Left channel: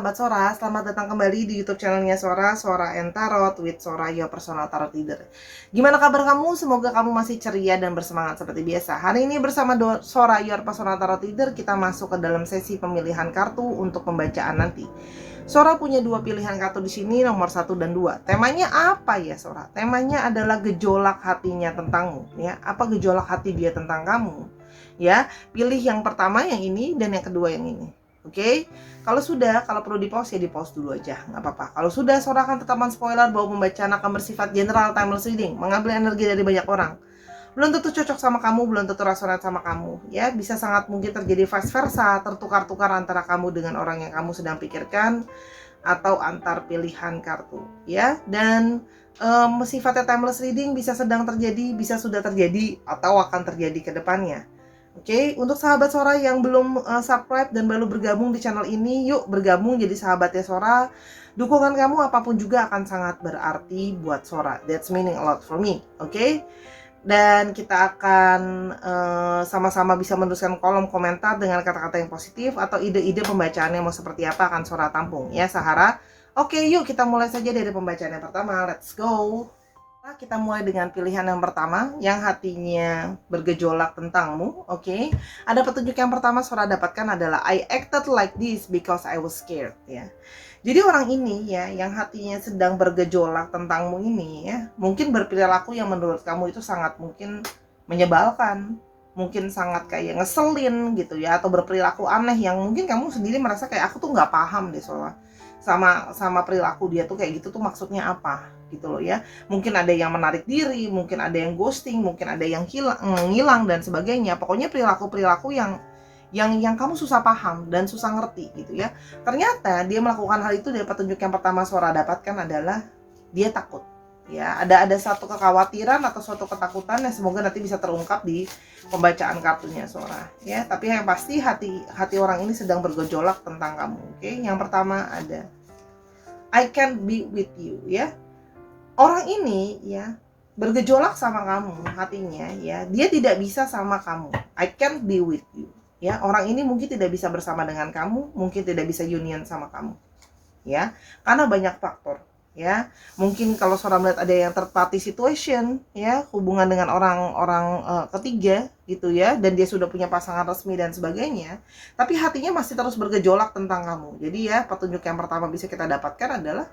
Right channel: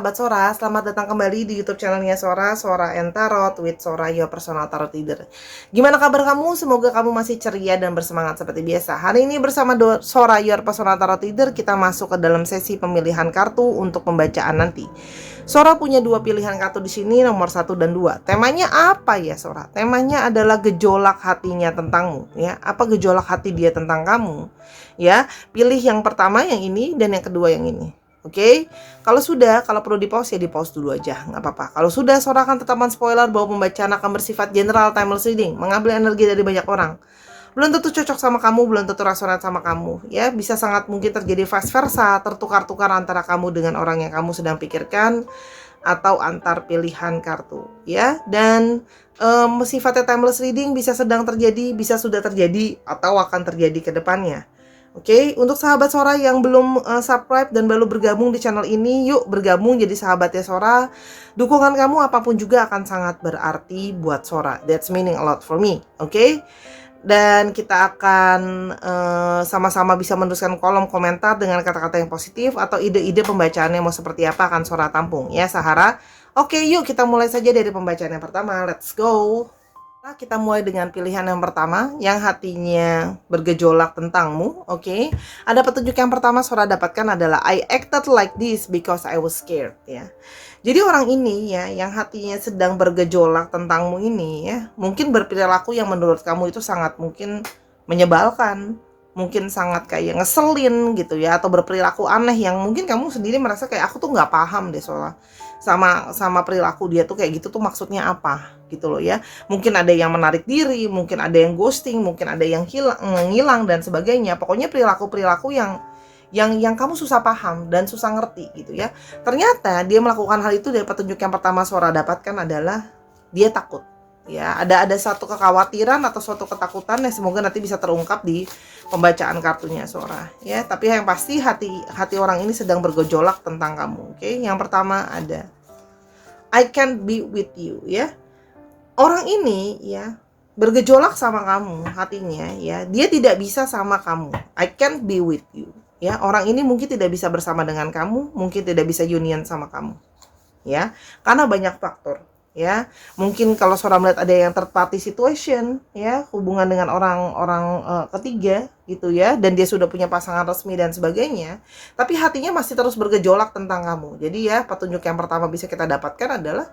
sahabat Sora, selamat datang kembali di YouTube channelnya Sora, Sora and Tarot with Sora, your personal tarot leader. Gimana kabar kamu? Semoga kamu masih ceria dan bersemangat seperti biasa. Hari ini bersama Sora, your personal tarot leader, kita masuk ke dalam sesi pemilihan kartu untuk pembacaan nanti. Sora punya dua pilihan kartu di sini, nomor 1 dan 2. Temanya apa ya Sora? Temanya adalah gejolak hatinya tentangmu, ya. Apa gejolak hati dia tentang kamu? Ya, pilih yang pertama yang ini dan yang kedua yang ini. Oke, kalau perlu di pause ya di pause dulu aja, nggak apa-apa. Kalau sudah, Sora akan tetap spoiler bahwa pembacaan akan bersifat general, timeless reading, mengambil energi dari banyak orang. Belum tentu cocok sama kamu, belum tentu resonan sama kamu, ya. Bisa sangat mungkin terjadi vice versa, tertukar-tukar antara kamu dengan orang yang kamu sedang pikirkan, atau antar pilihan kartu, ya. Dan sifatnya timeless reading bisa sedang terjadi, bisa sudah terjadi, atau akan terjadi ke depannya. Oke, untuk sahabat Sora yang belum subscribe dan baru bergabung di channel ini, yuk bergabung jadi sahabatnya Sora. Dukungan kamu apapun juga akan sangat berarti buat Sora. That's meaning a lot for me, oke? Dan kita akan sama-sama bisa menuliskan kolom komentar dengan kata-kata yang positif atau ide-ide pembacaannya mau seperti apa akan Sora tampung, ya Sahara. Oke, yuk kita mulai saja dari pembacaan yang pertama. Let's go. Nah, kita mulai dengan pilihan yang pertama, yang hatinya bergejolak tentangmu. Oke. Ada petunjuk yang pertama Sora dapatkan adalah I acted like this because I was scared, ya. Jadi orang ini ya, yang hatinya sedang bergejolak tentangmu ini ya, mungkin berperilaku yang menurut kamu itu sangat mungkin menyebalkan, mungkin sangat kayak ngeselin gitu ya, atau berperilaku aneh yang mungkin kamu sendiri merasa kayak aku tuh nggak paham deh soalnya sama perilaku dia tuh kayak gitu tuh maksudnya apa gitu loh ya. Mungkin ada yang menarik diri, mungkin ada yang ghosting, mungkin ada yang ngilang dan sebagainya. Pokoknya perilaku yang kamu susah paham dan susah ngerti gitu ya. Ternyata dia melakukan hal itu dari petunjuk yang pertama Sora dapatkan adalah dia takut. Ya, ada satu kekhawatiran atau suatu ketakutan yang semoga nanti bisa terungkap di pembacaan kartunya Sora, ya. Tapi yang pasti hati orang ini sedang bergejolak tentang kamu. Oke, yang pertama ada I can't be with you, ya. Orang ini ya bergejolak sama kamu hatinya, ya. Dia tidak bisa sama kamu. I can't be with you. Ya, orang ini mungkin tidak bisa bersama dengan kamu, mungkin tidak bisa union sama kamu. Ya, karena banyak faktor. Ya, mungkin kalau Sora melihat ada yang third party situation, ya, hubungan dengan orang-orang ketiga gitu ya, dan dia sudah punya pasangan resmi dan sebagainya, tapi hatinya masih terus bergejolak tentang kamu. Jadi ya, petunjuk yang pertama bisa kita dapatkan adalah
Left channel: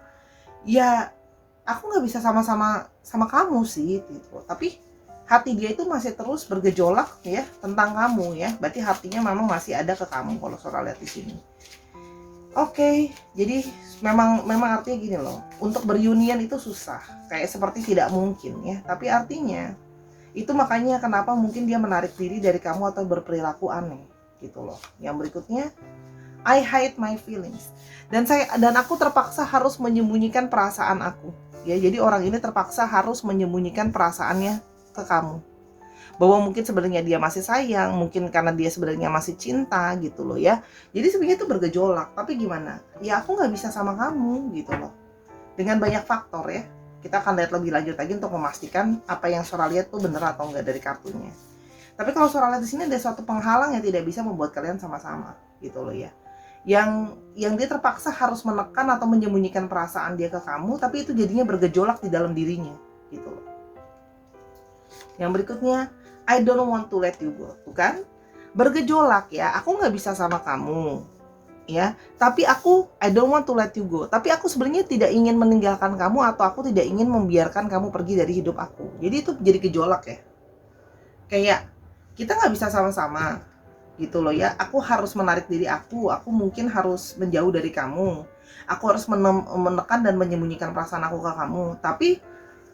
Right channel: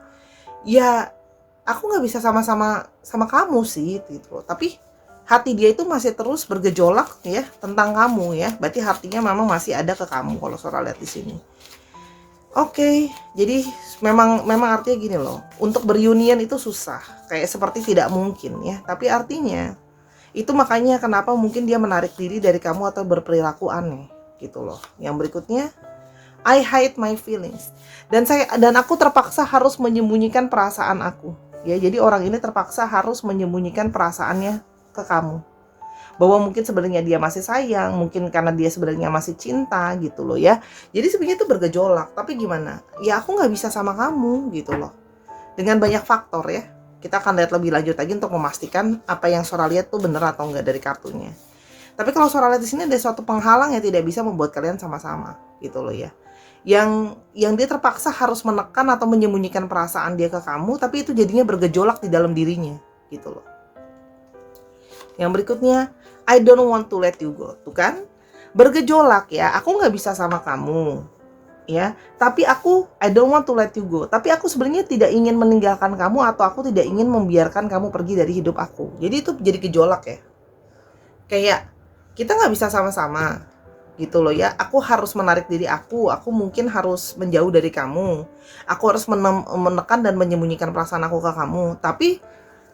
ya aku nggak bisa sama-sama sama kamu sih gitu, tapi hati dia itu masih terus bergejolak ya tentang kamu ya. Berarti hatinya memang masih ada ke kamu kalau Sora lihat di sini. Oke, jadi memang artinya gini loh, untuk berunion itu susah, kayak seperti tidak mungkin ya. Tapi artinya itu makanya kenapa mungkin dia menarik diri dari kamu atau berperilaku aneh gitu loh. Yang berikutnya, I hide my feelings. Dan aku terpaksa harus menyembunyikan perasaan aku. Ya, jadi orang ini terpaksa harus menyembunyikan perasaannya ke kamu. Bahwa mungkin sebenarnya dia masih sayang, mungkin karena dia sebenarnya masih cinta gitu loh ya. Jadi sebenarnya itu bergejolak, tapi gimana? Ya aku nggak bisa sama kamu gitu loh. Dengan banyak faktor ya. Kita akan lihat lebih lanjut lagi untuk memastikan apa yang Sora lihat tuh bener atau enggak dari kartunya. Tapi kalau Sora lihat di sini ada suatu penghalang yang tidak bisa membuat kalian sama-sama gitu loh ya. Yang dia terpaksa harus menekan atau menyembunyikan perasaan dia ke kamu, tapi itu jadinya bergejolak di dalam dirinya gitu loh. Yang berikutnya, I don't want to let you go. Tuh kan, bergejolak ya, aku gak bisa sama kamu ya, tapi I don't want to let you go. Tapi aku sebenarnya tidak ingin meninggalkan kamu, atau aku tidak ingin membiarkan kamu pergi dari hidup aku. Jadi itu jadi gejolak ya. Kayak kita gak bisa sama-sama gitu loh ya. Aku harus menarik diri aku mungkin harus menjauh dari kamu. Aku harus menekan dan menyembunyikan perasaan aku ke kamu. Tapi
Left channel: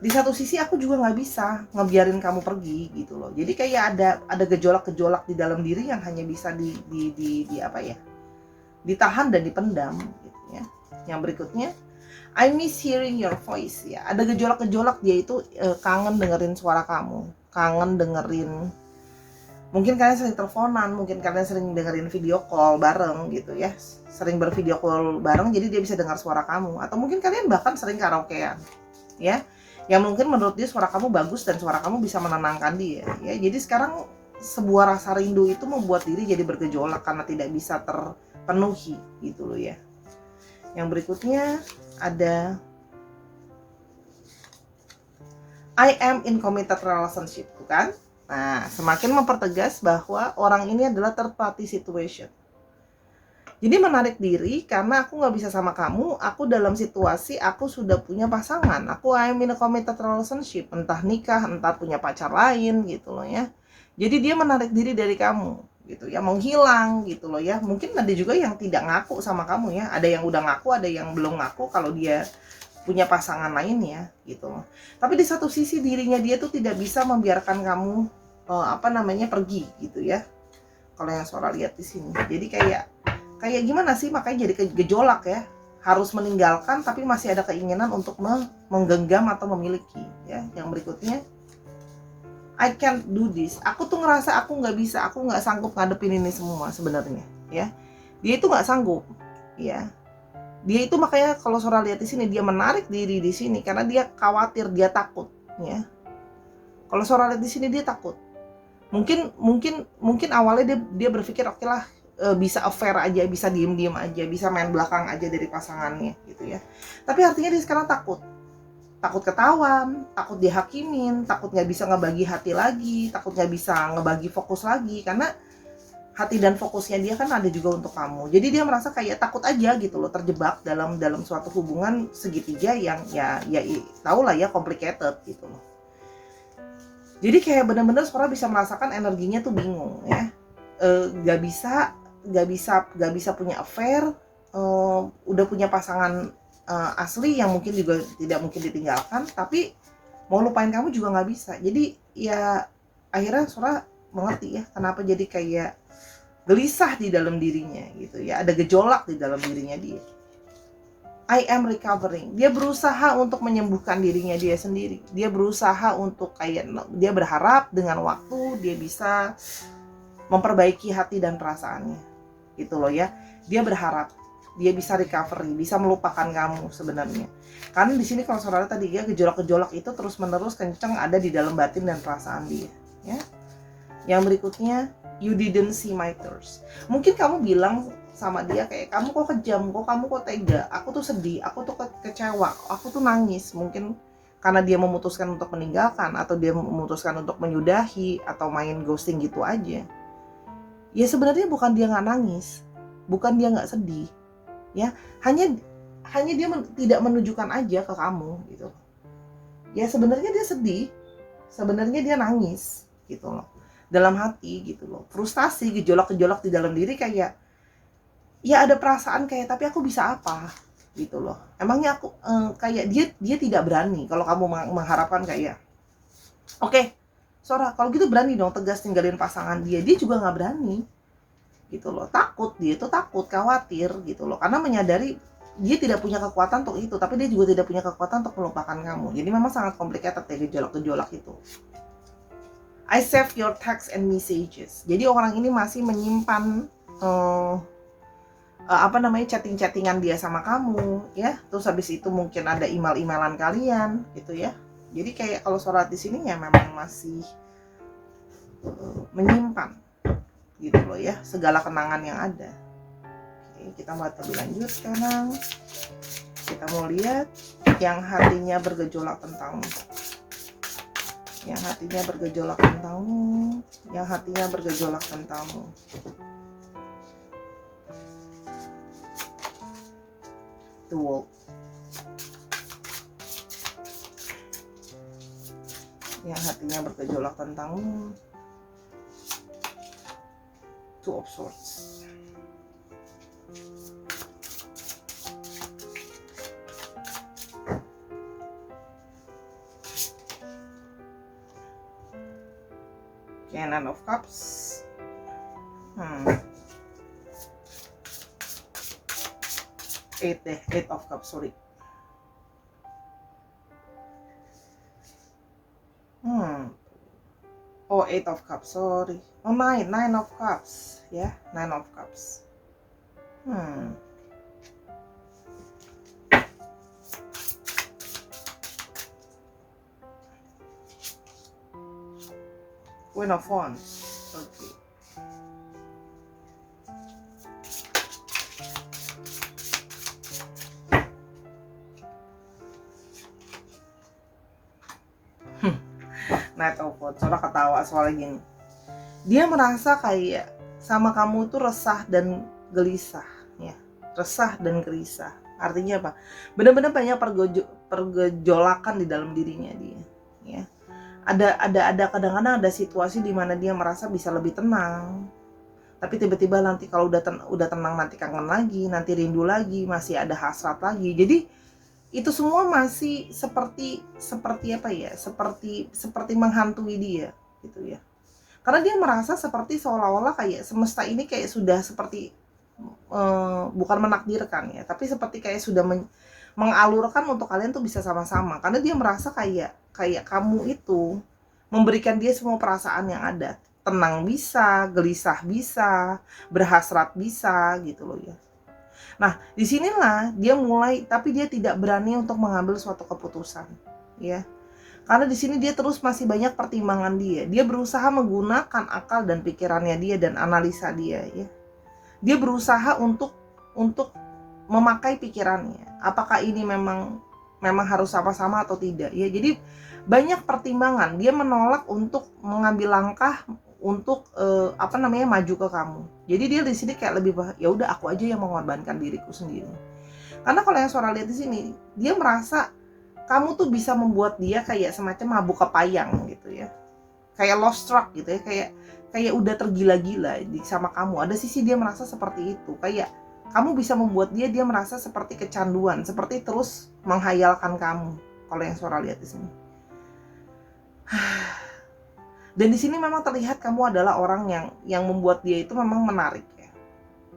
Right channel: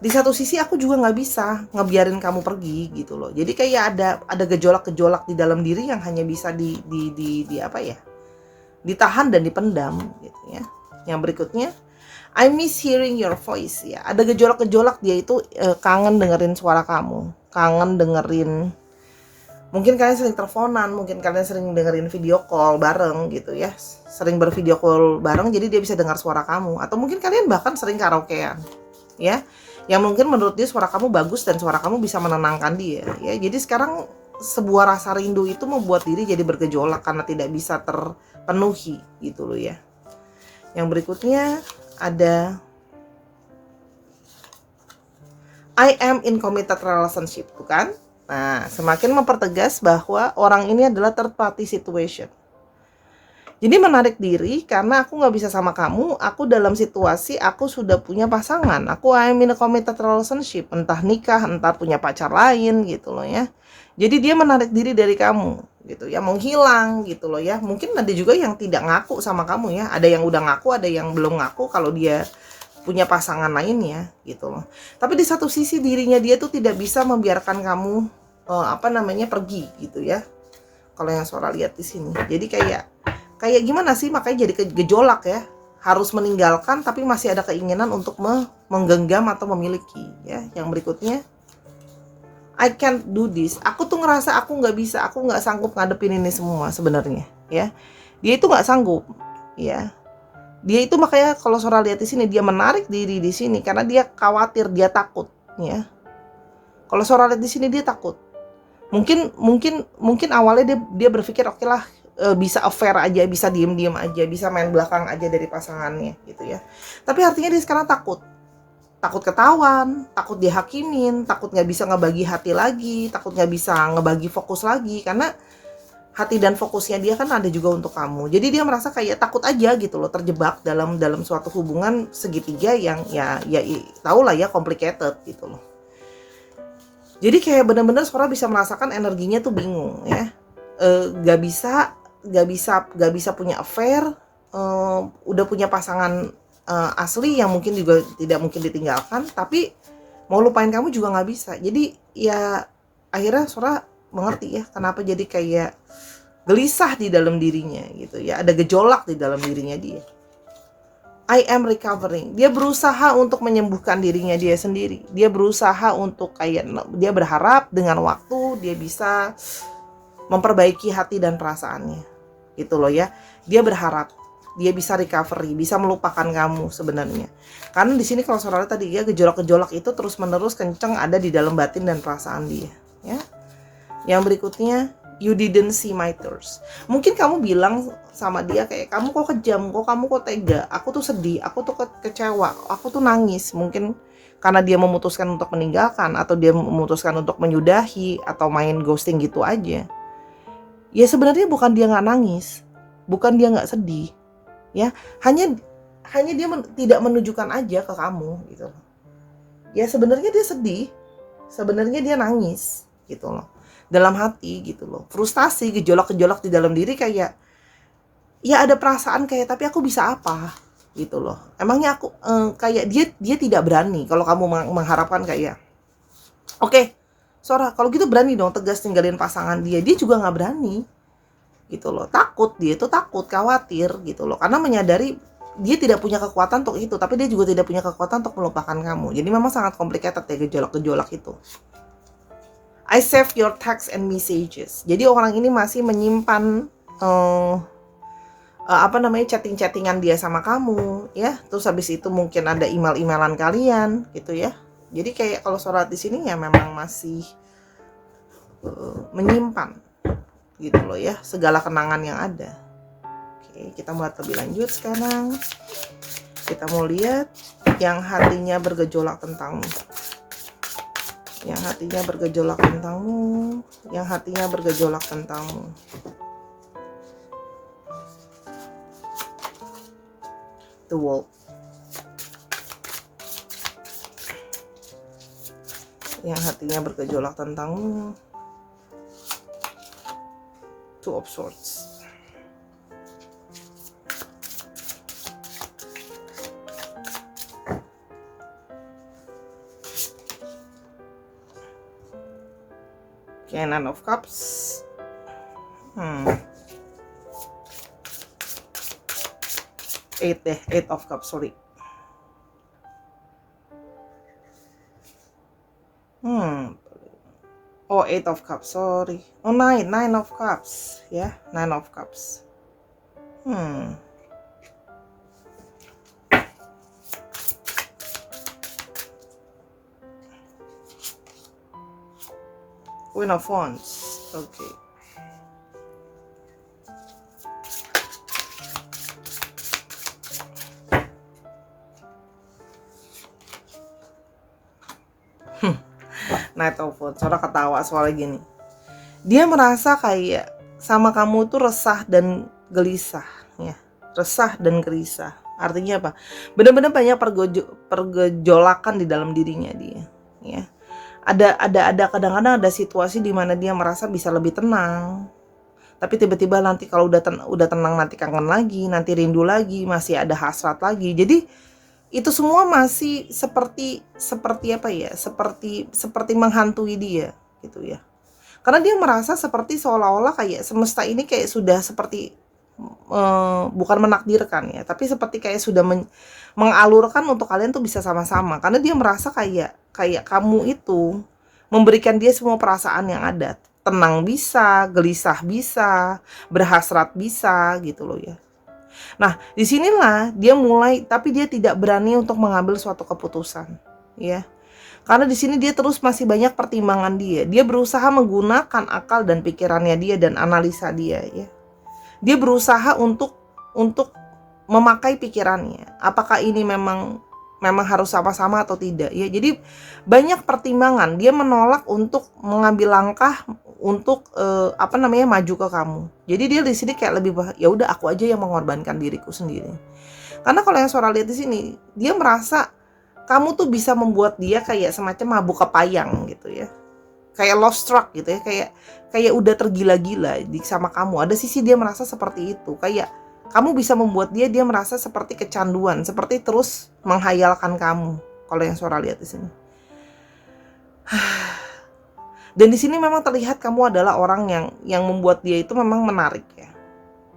di satu sisi aku juga nggak bisa ngebiarin kamu pergi gitu loh. Jadi kayak ada gejolak-gejolak di dalam diri yang hanya bisa di apa ya, ditahan dan dipendam gitu ya. Yang berikutnya, I miss hearing your voice ya. Ada gejolak-gejolak dia itu kangen dengerin suara kamu, kangen dengerin. Mungkin kalian sering teleponan, mungkin kalian sering dengerin video call bareng gitu ya. Sering bervideo call bareng, jadi dia bisa dengar suara kamu. Atau mungkin kalian bahkan sering karaokean ya. Yang mungkin menurut dia suara kamu bagus dan suara kamu bisa menenangkan dia ya. Jadi sekarang sebuah rasa rindu itu membuat diri jadi bergejolak karena tidak bisa terpenuhi gitu loh ya. Yang berikutnya ada I am in committed relationship, bukan? Nah, semakin mempertegas bahwa orang ini adalah third party situation. Jadi menarik diri karena aku nggak bisa sama kamu, aku dalam situasi aku sudah punya pasangan, aku I am in a committed relationship, entah nikah, entah punya pacar lain gitu loh ya. Jadi dia menarik diri dari kamu gitu ya, menghilang gitu loh ya. Mungkin ada juga yang tidak ngaku sama kamu ya, ada yang udah ngaku, ada yang belum ngaku kalau dia punya pasangan lainnya gitu loh. Tapi di satu sisi dirinya dia tuh tidak bisa membiarkan kamu pergi gitu ya. Kalau yang Sora lihat di sini. Jadi kayak gimana sih, makanya jadi gejolak ya. Harus meninggalkan tapi masih ada keinginan untuk menggenggam atau memiliki ya. Yang berikutnya I can't do this. Aku tuh ngerasa aku nggak bisa, aku nggak sanggup ngadepin ini semua sebenarnya ya. Dia itu nggak sanggup ya. Dia itu makanya kalau Sora lihat di sini dia menarik diri di sini karena dia khawatir, dia takut ya. Kalau Sora lihat di sini dia takut. Mungkin awalnya dia berpikir oke lah, bisa affair aja, bisa diem aja, bisa main belakang aja dari pasangannya gitu ya. Tapi artinya dia sekarang takut ketahuan, takut dihakimin, takut nggak bisa ngebagi hati lagi, takut nggak bisa ngebagi fokus lagi karena hati dan fokusnya dia kan ada juga untuk kamu. Jadi dia merasa kayak takut aja gitu loh, terjebak dalam suatu hubungan segitiga yang ya tau lah ya, complicated gitu loh. Jadi kayak bener-bener Sora bisa merasakan energinya tuh bingung ya, gak bisa punya affair, udah punya pasangan asli yang mungkin juga tidak mungkin ditinggalkan, tapi mau lupain kamu juga nggak bisa. Jadi ya akhirnya Sora mengerti ya kenapa jadi kayak gelisah di dalam dirinya gitu ya, ada gejolak di dalam dirinya dia. I am recovering. Dia berusaha untuk menyembuhkan dirinya dia sendiri. Dia berusaha untuk dia berharap dengan waktu dia bisa memperbaiki hati dan perasaannya. Gitu loh ya. Dia berharap dia bisa recovery, bisa melupakan kamu sebenarnya. Karena di sini kalau Sora tadi ya, gejolak-gejolak itu terus-menerus kenceng ada di dalam batin dan perasaan dia, ya. Yang berikutnya, you didn't see my tears. Mungkin kamu bilang sama dia kayak, kamu kok kejam, kamu kok tega, aku tuh sedih, aku tuh kecewa, aku tuh nangis. Mungkin karena dia memutuskan untuk meninggalkan, atau dia memutuskan untuk menyudahi, atau main ghosting gitu aja. Ya sebenarnya bukan dia nggak nangis, bukan dia nggak sedih, ya hanya dia tidak menunjukkan aja ke kamu gitu. Ya sebenarnya dia sedih, sebenarnya dia nangis gitu loh, dalam hati gitu loh, frustasi, gejolak-gejolak di dalam diri kayak ya ada perasaan kayak tapi aku bisa apa gitu loh. Emangnya aku kayak dia tidak berani. Kalau kamu mengharapkan kayak oke, Sora kalau gitu berani dong tegas tinggalin pasangan dia juga nggak berani gitu loh. Takut, dia itu takut, khawatir gitu loh, karena menyadari dia tidak punya kekuatan untuk itu, tapi dia juga tidak punya kekuatan untuk melupakan kamu. Jadi memang sangat complicated ya gejolak-gejolak itu. I save your text and messages. Jadi orang ini masih menyimpan chatting-chattingan dia sama kamu ya. Terus habis itu mungkin ada email-emailan kalian gitu ya. Jadi kayak kalau Sora di sini ya memang masih menyimpan gitu loh ya, segala kenangan yang ada. Oke, kita mau lebih lanjut sekarang. Kita mau lihat yang hatinya bergejolak tentangmu. Yang hatinya bergejolak tentangmu, yang hatinya bergejolak tentangmu. The Wolf. Yang hatinya bergejolak tentangmu. Two of Swords. Okay, Nine of Cups. Eight of Cups, sorry. Oh, Eight of Cups, sorry. Oh, Nine of Cups, ya, Nine of Cups. Queen of Wands, okay. Knight of Wands. Sora ketawa soalnya gini. Dia merasa kayak sama kamu tuh resah dan gelisah, ya. Resah dan gelisah. Artinya apa? Benar-benar banyak pergejolakan di dalam dirinya dia, ya. Ada kadang-kadang ada situasi di mana dia merasa bisa lebih tenang. Tapi tiba-tiba nanti kalau udah tenang nanti kangen lagi, nanti rindu lagi, masih ada hasrat lagi. Jadi itu semua masih seperti apa ya? Seperti menghantui dia gitu ya. Karena dia merasa seperti seolah-olah kayak semesta ini kayak sudah seperti bukan menakdirkan ya, tapi seperti kayak sudah mengalurkan untuk kalian tuh bisa sama-sama. Karena dia merasa kayak kamu itu memberikan dia semua perasaan yang ada. Tenang bisa, gelisah bisa, berhasrat bisa gitu loh ya. Nah, disinilah dia mulai, tapi dia tidak berani untuk mengambil suatu keputusan, ya. Karena di sini dia terus masih banyak pertimbangan dia. Dia berusaha menggunakan akal dan pikirannya dia dan analisa dia, ya. Dia berusaha untuk memakai pikirannya. Apakah ini memang harus sama-sama atau tidak, ya. Jadi banyak pertimbangan. Dia menolak untuk mengambil langkah untuk maju ke kamu. Jadi dia di sini kayak lebih ya udah aku aja yang mengorbankan diriku sendiri. Karena kalau yang Sora lihat di sini, dia merasa kamu tuh bisa membuat dia kayak semacam mabuk kepayang gitu ya. Kayak lost track gitu ya, kayak udah tergila-gila sama kamu. Ada sisi dia merasa seperti itu, kayak kamu bisa membuat dia merasa seperti kecanduan, seperti terus menghayalkan kamu. Kalau yang Sora lihat di sini. Dan di sini memang terlihat kamu adalah orang yang membuat dia itu memang menarik ya.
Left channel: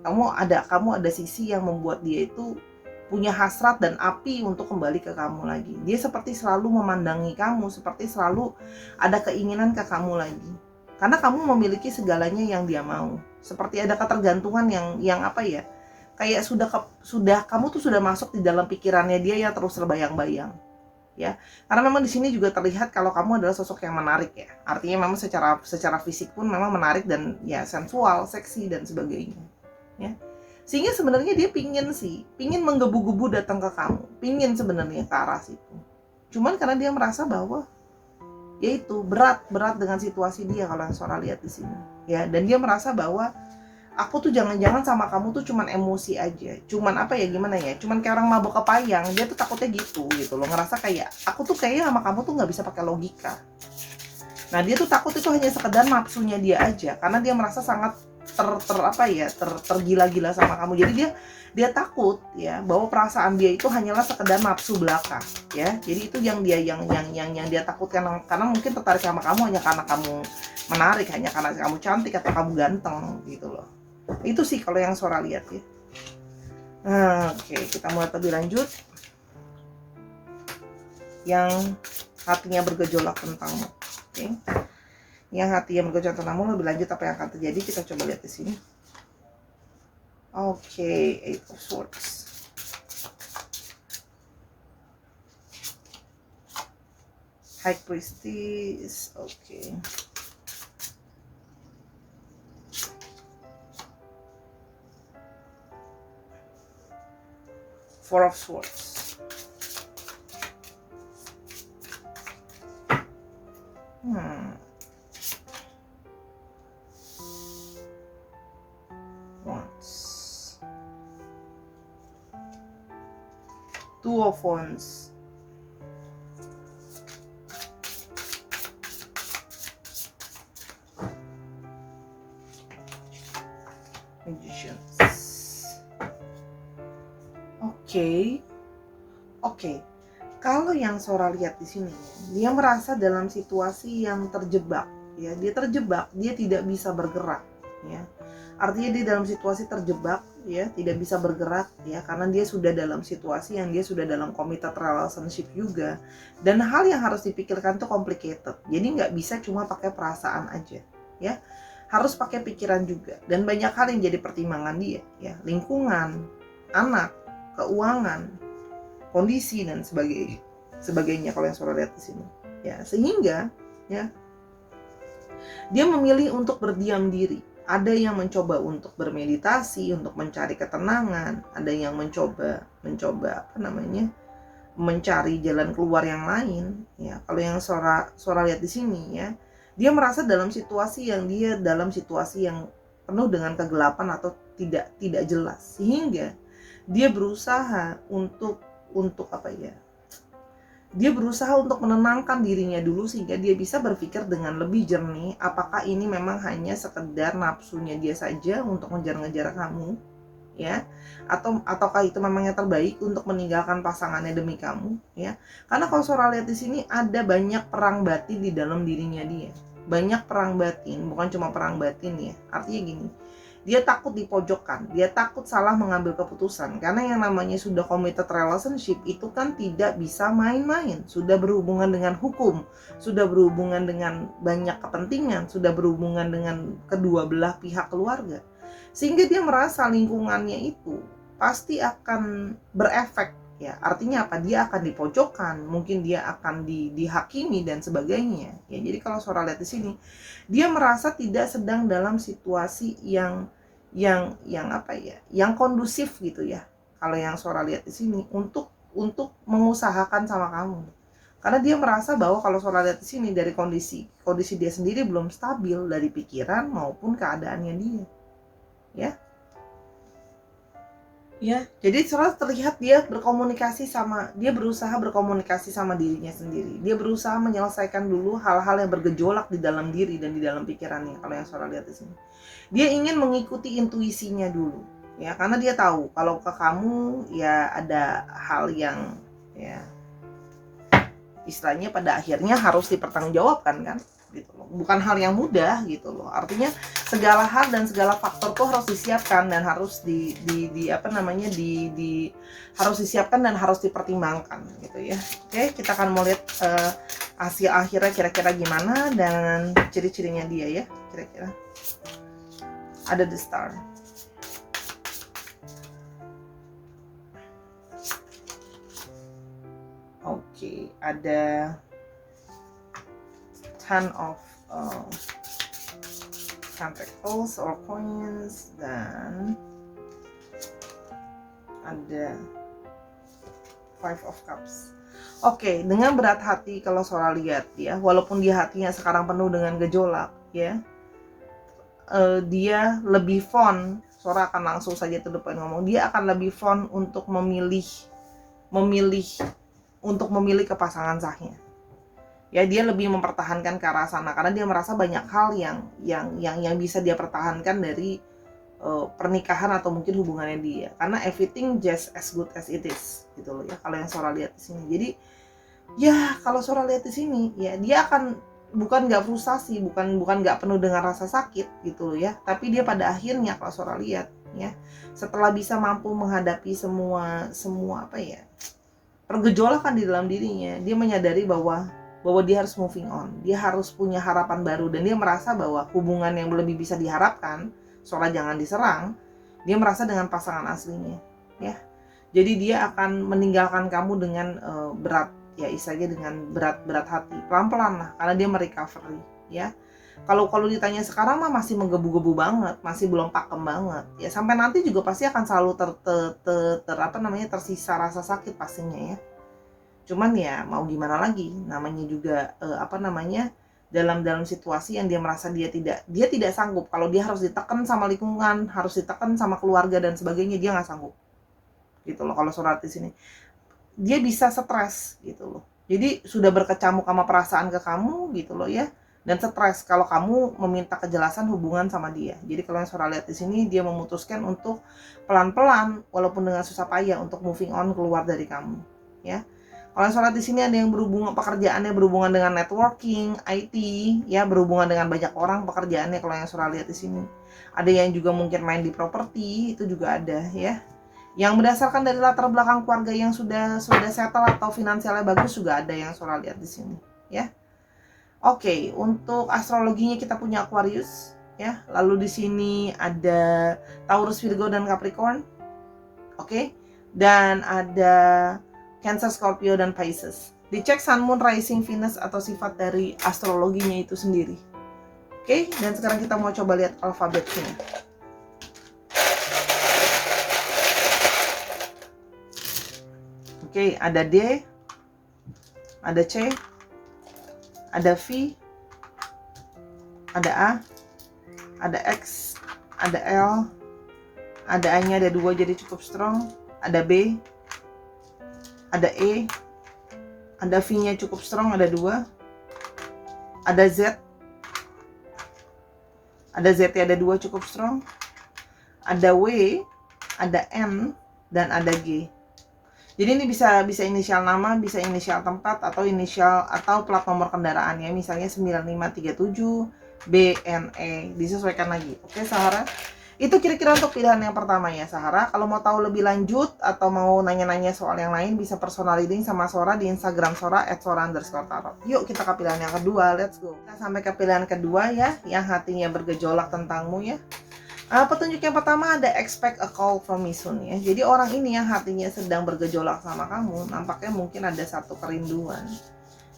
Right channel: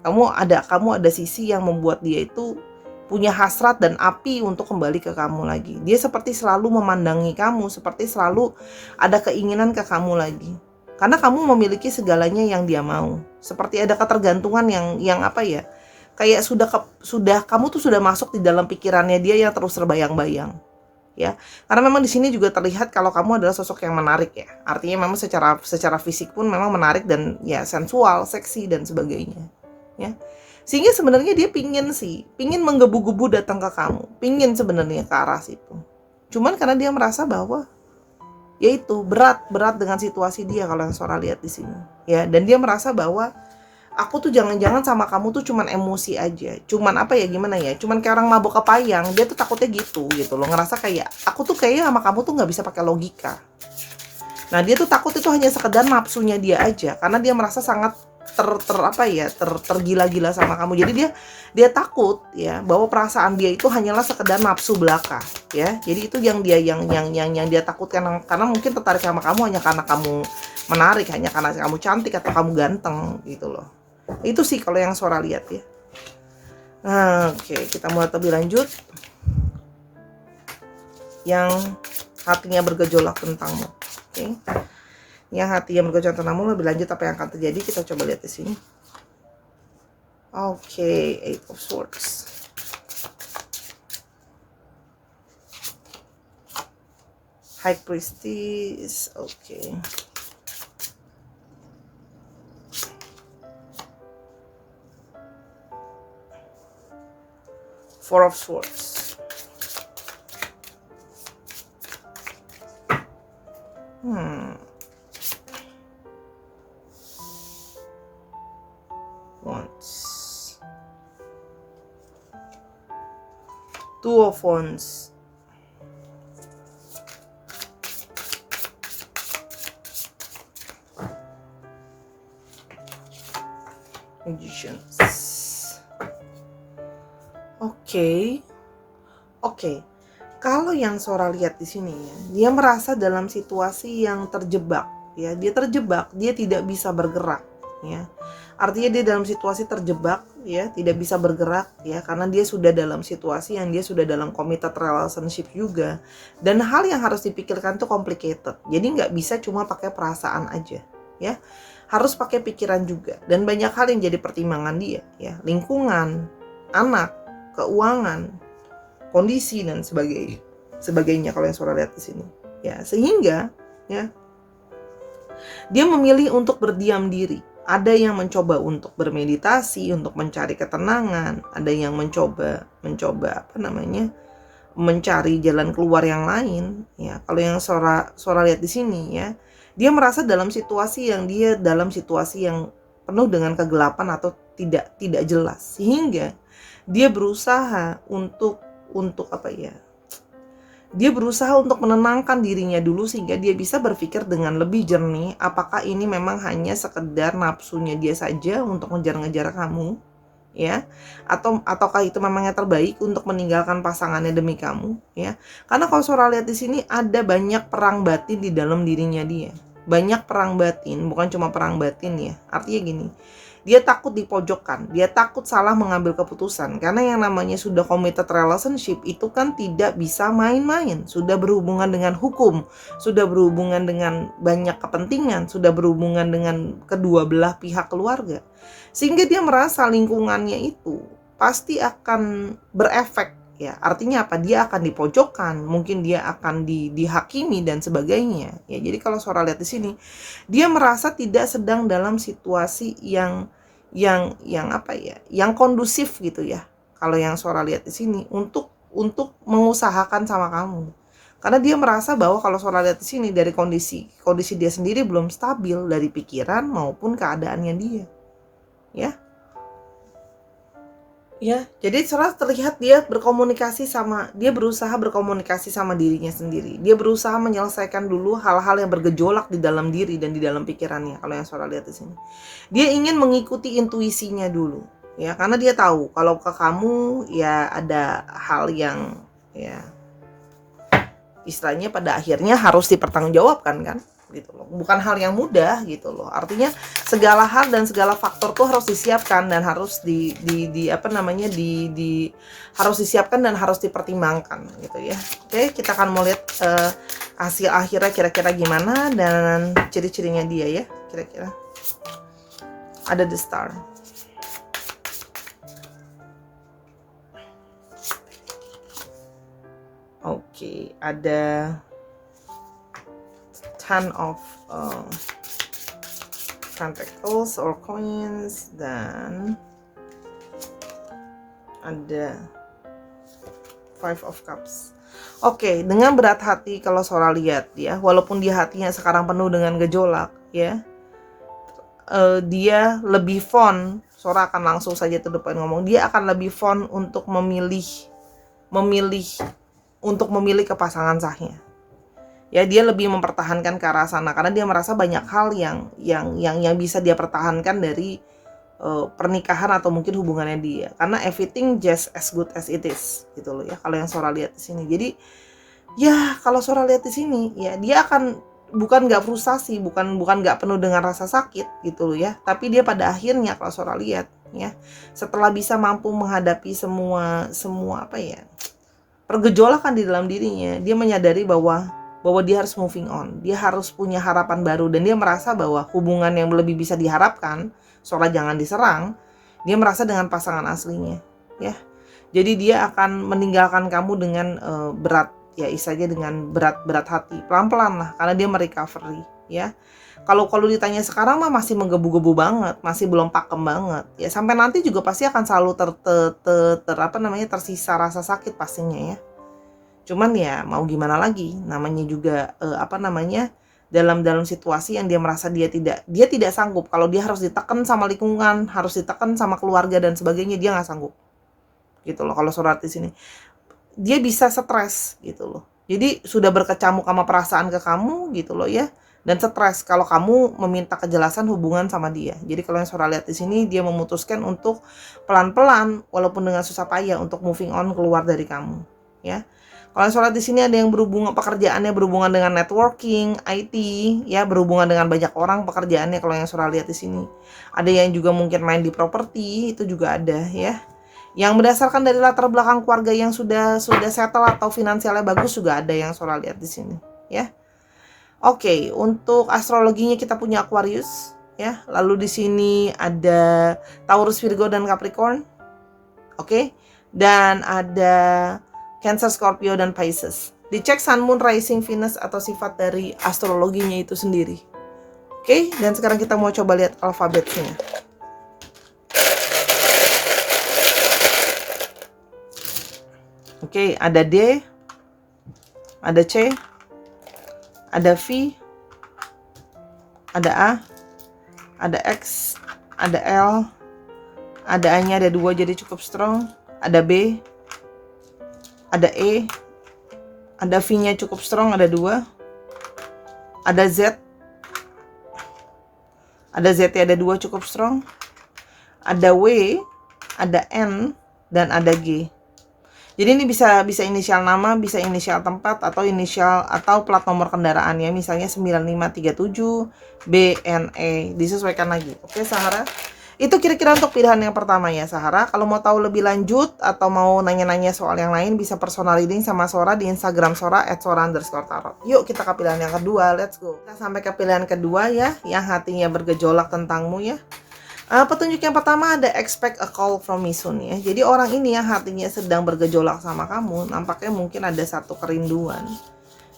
Kamu ada sisi yang membuat dia itu punya hasrat dan api untuk kembali ke kamu lagi. Dia seperti selalu memandangi kamu, seperti selalu ada keinginan ke kamu lagi. Karena kamu memiliki segalanya yang dia mau. Seperti ada ketergantungan yang apa ya? Kayak sudah kamu tuh sudah masuk di dalam pikirannya dia yang terus terbayang-bayang. Ya, karena memang di sini juga terlihat kalau kamu adalah sosok yang menarik ya. Artinya memang secara fisik pun memang menarik dan ya sensual, seksi dan sebagainya. Ya. Sehingga sebenarnya dia pingin menggebu-gebu datang ke kamu, pingin sebenarnya ke arah situ. Cuman karena dia merasa bahwa yaitu berat dengan situasi dia kalau yang Sora lihat di sini. Ya, dan dia merasa bahwa aku tuh jangan-jangan sama kamu tuh cuman emosi aja. Cuman apa ya, gimana ya? Cuman kayak orang mabuk kepayang. Dia tuh takutnya gitu loh. Ngerasa kayak aku tuh kayaknya sama kamu tuh nggak bisa pakai logika. Nah, dia tuh takut itu hanya sekedar nafsunya dia aja. Karena dia merasa sangat tergila-gila sama kamu. Jadi dia takut ya bahwa perasaan dia itu hanyalah sekedar nafsu belaka ya. Jadi itu yang dia takutkan, karena mungkin tertarik sama kamu hanya karena kamu menarik, hanya karena kamu cantik atau kamu ganteng gitu loh. Itu sih kalau yang Sora lihat ya. Oke, kita mulai lebih lanjut. Yang hatinya bergejolak tentangmu. Oke. Yang hatinya bergejolak tentangmu, lebih lanjut apa yang akan terjadi, kita coba lihat di sini. Oke, Eight of Swords. High Priestess. Oke. Four of Swords. Wands. Two of Wands. Magicians. Oke. Kalau yang Sora lihat di sini ya, dia merasa dalam situasi yang terjebak ya. Dia terjebak, dia tidak bisa bergerak ya. Artinya dia dalam situasi terjebak ya, tidak bisa bergerak ya, karena dia sudah dalam situasi yang dia sudah dalam committed relationship juga. Dan hal yang harus dipikirkan tuh complicated. Jadi nggak bisa cuma pakai perasaan aja ya. Harus pakai pikiran juga, dan banyak hal yang jadi pertimbangan dia ya. Lingkungan, anak, keuangan, kondisi dan sebagainya kalau yang Sora lihat di sini ya. Sehingga ya dia memilih untuk berdiam diri. Ada yang mencoba untuk bermeditasi, untuk mencari ketenangan. Ada yang mencoba mencari jalan keluar yang lain, ya. Kalau yang Sora lihat di sini, ya, dia merasa dalam situasi yang penuh dengan kegelapan atau tidak jelas, sehingga dia berusaha untuk apa ya? Dia berusaha untuk menenangkan dirinya dulu sehingga dia bisa berpikir dengan lebih jernih, apakah ini memang hanya sekedar nafsunya dia saja untuk ngejar-ngejar kamu, ya, ataukah itu memangnya terbaik untuk meninggalkan pasangannya demi kamu, ya. Karena kalau Sora lihat di sini ada banyak perang batin di dalam dirinya dia. Banyak perang batin, bukan cuma perang batin, ya. Artinya gini, dia takut dipojokkan, dia takut salah mengambil keputusan. Karena yang namanya sudah committed relationship itu kan tidak bisa main-main. Sudah berhubungan dengan hukum, sudah berhubungan dengan banyak kepentingan, sudah berhubungan dengan kedua belah pihak keluarga. Sehingga dia merasa lingkungannya itu pasti akan berefek, ya. Artinya apa? Dia akan dipojokkan, mungkin dia akan dihakimi dan sebagainya. Ya, jadi kalau Sora lihat di sini, dia merasa tidak sedang dalam situasi yang apa ya? Yang kondusif gitu ya. Kalau yang Sora lihat di sini untuk mengusahakan sama kamu. Karena dia merasa bahwa kalau Sora lihat di sini dari kondisi dia sendiri belum stabil dari pikiran maupun keadaannya dia. Ya. Ya, jadi Sora terlihat dia berusaha berkomunikasi sama dirinya sendiri. Dia berusaha menyelesaikan dulu hal-hal yang bergejolak di dalam diri dan di dalam pikirannya. Kalau yang Sora lihat di sini, dia ingin mengikuti intuisinya dulu, ya, karena dia tahu kalau ke kamu ya ada hal yang, ya, istilahnya pada akhirnya harus dipertanggungjawabkan kan, gitu loh. Bukan hal yang mudah gitu loh. Artinya segala hal dan segala faktor tuh harus disiapkan dan harus harus disiapkan dan harus dipertimbangkan gitu ya. Oke, kita akan mau lihat hasil akhirnya kira-kira gimana dan ciri-cirinya dia ya, kira-kira. Ada the star. Oke, ada Ten of Pentacles or coins, dan ada Five of Cups. Oke, dengan berat hati kalau Sora lihat ya, walaupun dia hatinya sekarang penuh dengan gejolak ya, dia lebih fond, Sora akan langsung saja to the point ngomong, dia akan lebih fond untuk memilih ke pasangan sahnya. Ya, dia lebih mempertahankan ke arah sana karena dia merasa banyak hal yang bisa dia pertahankan dari pernikahan atau mungkin hubungannya dia. Karena everything just as good as it is gitu loh ya. Kalau yang Sora lihat di sini. Jadi ya kalau Sora lihat di sini ya, dia akan bukan nggak frustasi, bukan nggak penuh dengan rasa sakit gitu loh ya. Tapi dia pada akhirnya kalau Sora lihat ya, setelah bisa mampu menghadapi semua apa ya, pergejolakan di dalam dirinya, dia menyadari bahwa dia harus moving on, dia harus punya harapan baru, dan dia merasa bahwa hubungan yang lebih bisa diharapkan, Sora jangan diserang, dia merasa dengan pasangan aslinya, ya. Jadi dia akan meninggalkan kamu dengan berat, ya istilahnya dengan berat hati, pelan-pelan lah, karena dia merecovery, ya. Kalau ditanya sekarang mah masih menggebu-gebu banget, masih belum pakem banget, ya sampai nanti juga pasti akan selalu tersisa rasa sakit pastinya ya. Cuman ya mau gimana lagi, namanya juga dalam situasi yang dia merasa dia tidak sanggup. Kalau dia harus ditekan sama lingkungan, harus ditekan sama keluarga dan sebagainya, dia nggak sanggup gitu loh. Kalau Sora di sini dia bisa stres gitu loh, jadi sudah berkecamuk sama perasaan ke kamu gitu loh ya, dan stres kalau kamu meminta kejelasan hubungan sama dia. Jadi kalau yang Sora lihat di sini, dia memutuskan untuk pelan-pelan walaupun dengan susah payah untuk moving on keluar dari kamu ya. Kalau Sora di sini ada yang pekerjaannya berhubungan dengan networking, IT, ya, berhubungan dengan banyak orang pekerjaannya. Kalau yang Sora lihat di sini, ada yang juga mungkin main di properti, itu juga ada ya. Yang berdasarkan dari latar belakang keluarga yang sudah settle atau finansialnya bagus juga ada yang Sora lihat di sini, ya. Oke, untuk astrologinya kita punya Aquarius, ya. Lalu di sini ada Taurus, Virgo, dan Capricorn. Oke. Dan ada Cancer, Scorpio, dan Pisces. Dicek Sun, Moon, Rising, Venus atau sifat dari astrologinya itu sendiri. Oke, dan sekarang kita mau coba lihat alfabetnya. Oke, ada D, ada C, ada V, ada A, ada X, ada L, ada A-nya ada 2 jadi cukup strong, ada B, ada E, ada V-nya cukup strong ada 2, ada Z, ada Z-nya ada 2 cukup strong, ada W, ada N, dan ada G. Jadi ini bisa inisial nama, bisa inisial tempat, atau inisial atau plat nomor kendaraan ya. Misalnya 9537 BNE, disesuaikan lagi. Oke, Sahara. Itu kira-kira untuk pilihan yang pertama ya, Sahara. Kalau mau tahu lebih lanjut atau mau nanya-nanya soal yang lain, bisa personal reading sama Sora di Instagram Sora @sora_tarot. Yuk kita ke pilihan yang kedua, let's go. Kita sampai ke pilihan kedua ya, yang hatinya bergejolak tentangmu ya. Petunjuk yang pertama ada expect a call from me soon ya. Jadi orang ini yang hatinya sedang bergejolak sama kamu, nampaknya mungkin ada satu kerinduan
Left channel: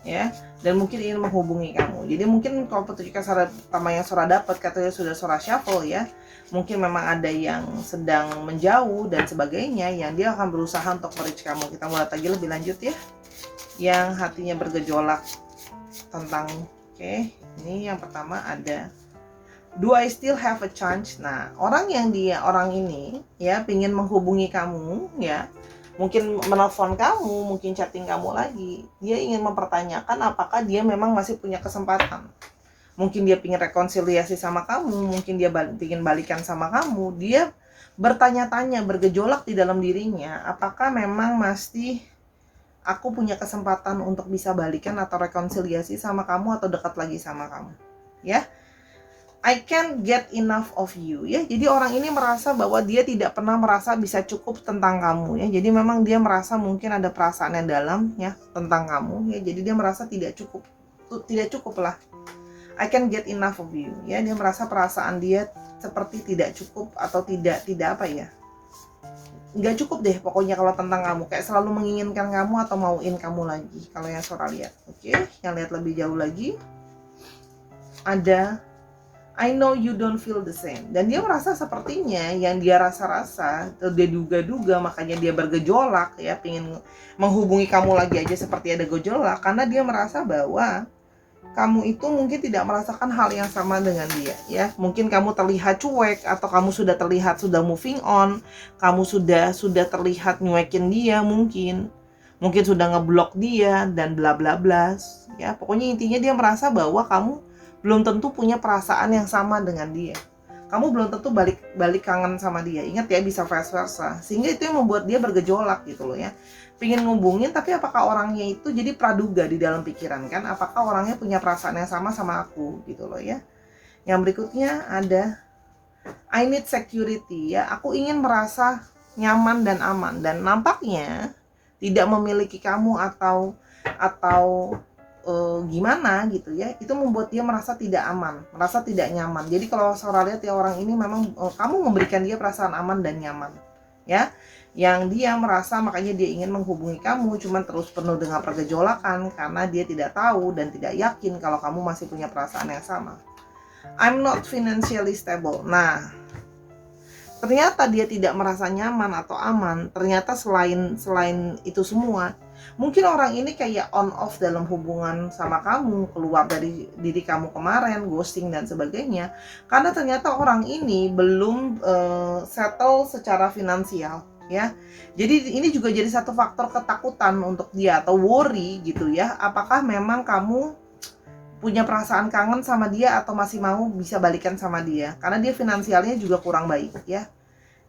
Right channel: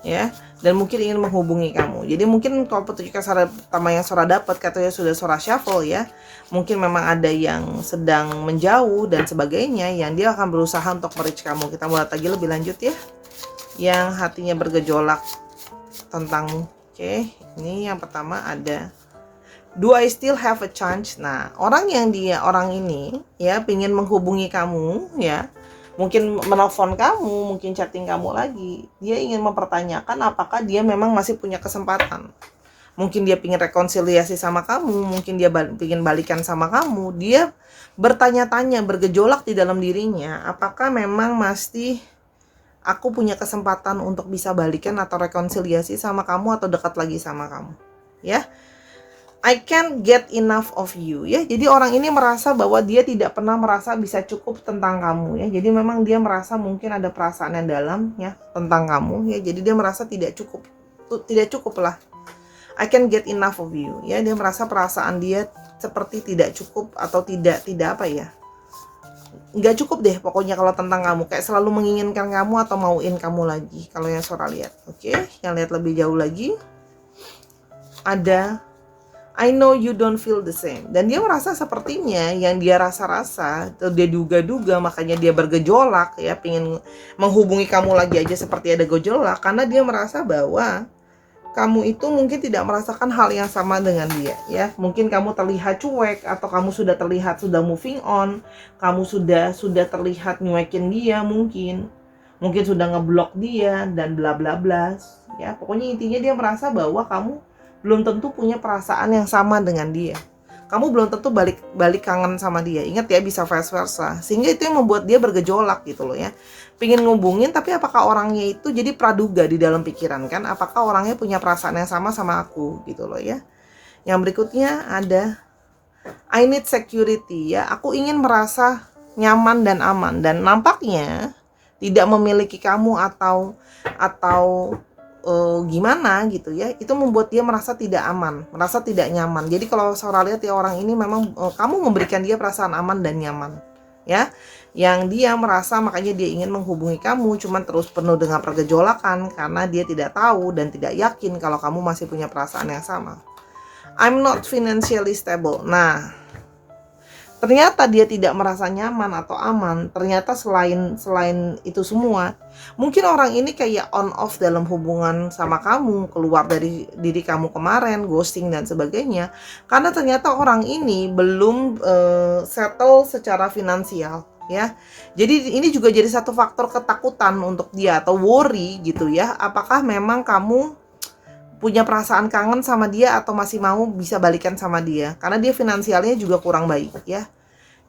ya, dan mungkin ingin menghubungi kamu. Jadi mungkin kalau petunjuk yang pertama yang Sora dapat katanya sudah Sora shuffle ya, mungkin memang ada yang sedang menjauh dan sebagainya, yang dia akan berusaha untuk reach kamu. Kita mulai lagi lebih lanjut ya, yang hatinya bergejolak tentangmu. Oke, ini yang pertama ada do I still have a chance? Nah, orang ini ya pingin menghubungi kamu ya, mungkin menelpon kamu, mungkin chatting kamu lagi. Dia ingin mempertanyakan apakah dia memang masih punya kesempatan. Mungkin dia pingin rekonsiliasi sama kamu, mungkin dia pingin balikan sama kamu. Dia bertanya-tanya, bergejolak di dalam dirinya, apakah memang masih aku punya kesempatan untuk bisa balikan atau rekonsiliasi sama kamu atau dekat lagi sama kamu. Ya. I can't get enough of you ya. Jadi orang ini merasa bahwa dia tidak pernah merasa bisa cukup tentang kamu ya. Jadi memang dia merasa mungkin ada perasaan yang dalam ya tentang kamu ya. Jadi dia merasa tidak cukup lah. I can't get enough of you ya. Dia merasa perasaan dia seperti tidak cukup atau tidak apa ya. Nggak cukup deh pokoknya kalau tentang kamu, kayak selalu menginginkan kamu atau mauin kamu lagi. Kalau yang Sora lihat. Oke, yang lihat lebih jauh lagi ada I know you don't feel the same. Dan dia merasa sepertinya yang dia rasa-rasa, atau dia duga-duga, makanya dia bergejolak ya, pengen menghubungi kamu lagi aja seperti ada gejolak, karena dia merasa bahwa kamu itu mungkin tidak merasakan hal yang sama dengan dia ya. Mungkin kamu terlihat cuek, atau kamu sudah terlihat sudah moving on, kamu sudah terlihat nyuekin dia, mungkin sudah ngeblok dia dan bla bla bla ya. Pokoknya intinya dia merasa bahwa kamu belum tentu punya perasaan yang sama dengan dia. Kamu belum tentu balik kangen sama dia. Ingat ya, bisa vice versa. Sehingga itu yang membuat dia bergejolak gitu loh ya. Pengen ngubungin, tapi apakah orangnya itu jadi praduga di dalam pikiran kan? Apakah orangnya punya perasaan yang sama aku gitu loh ya. Yang berikutnya ada I need security ya. Aku ingin merasa nyaman dan aman. Dan nampaknya tidak memiliki kamu atau gimana gitu ya, itu membuat dia merasa tidak aman, merasa tidak nyaman. Jadi kalau Sora lihat ya, orang ini memang kamu memberikan dia perasaan aman dan nyaman ya, yang dia merasa makanya dia ingin menghubungi kamu, cuman terus penuh dengan pergejolakan karena dia tidak tahu dan tidak yakin kalau kamu masih punya perasaan yang sama. I'm not financially stable. Nah, ternyata dia tidak merasa nyaman atau aman. Ternyata selain itu semua, mungkin orang ini kayak on off dalam hubungan sama kamu, keluar dari diri kamu kemarin, ghosting dan sebagainya. Karena ternyata orang ini belum settle secara finansial ya. Jadi ini juga jadi satu faktor ketakutan untuk dia atau worry gitu ya. Apakah memang kamu punya perasaan kangen sama dia atau masih mau bisa balikan sama dia, karena dia finansialnya juga kurang baik ya.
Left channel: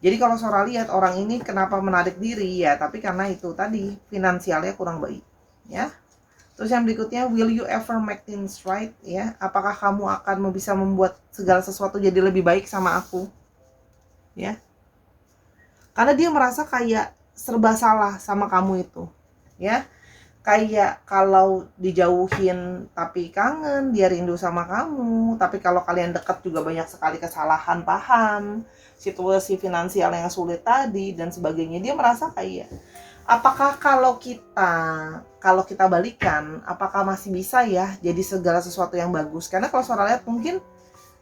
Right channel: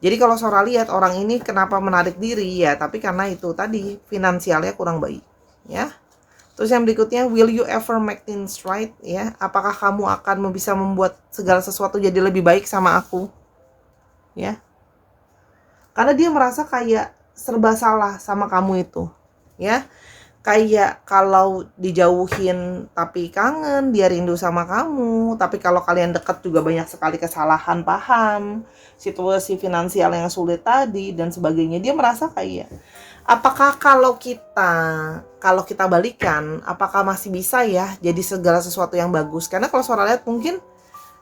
Jadi kalau Sora lihat orang ini kenapa menarik diri ya, tapi karena itu tadi finansialnya kurang baik ya. Terus yang berikutnya, will you ever make things right ya, apakah kamu akan bisa membuat segala sesuatu jadi lebih baik sama aku ya. Karena dia merasa kayak serba salah sama kamu itu ya. Kayak kalau dijauhin tapi kangen, dia rindu sama kamu. Tapi kalau kalian dekat juga banyak sekali kesalahan paham, situasi finansial yang sulit tadi dan sebagainya. Dia merasa kayak, apakah kalau kita balikan, apakah masih bisa ya jadi segala sesuatu yang bagus? Karena kalau Sora lihat mungkin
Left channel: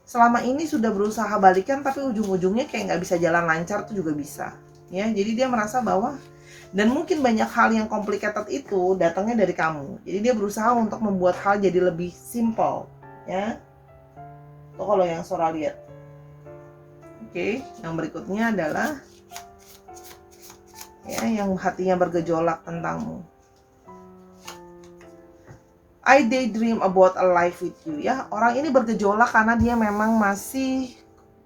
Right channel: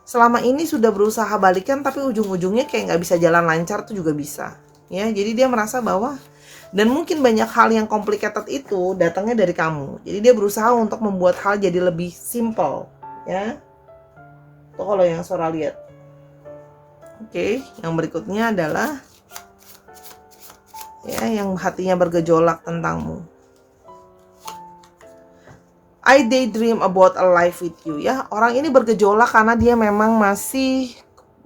selama ini sudah berusaha balikan, tapi ujung-ujungnya kayak nggak bisa jalan lancar, itu juga bisa ya. Jadi dia merasa bahwa Dan mungkin banyak hal yang complicated itu datangnya dari kamu. Jadi dia berusaha untuk membuat hal jadi lebih simple, ya. Itu kalau yang Sora lihat. Oke, yang berikutnya adalah ya yang hatinya bergejolak tentangmu. I daydream about a life with you, ya. Orang ini bergejolak karena dia memang masih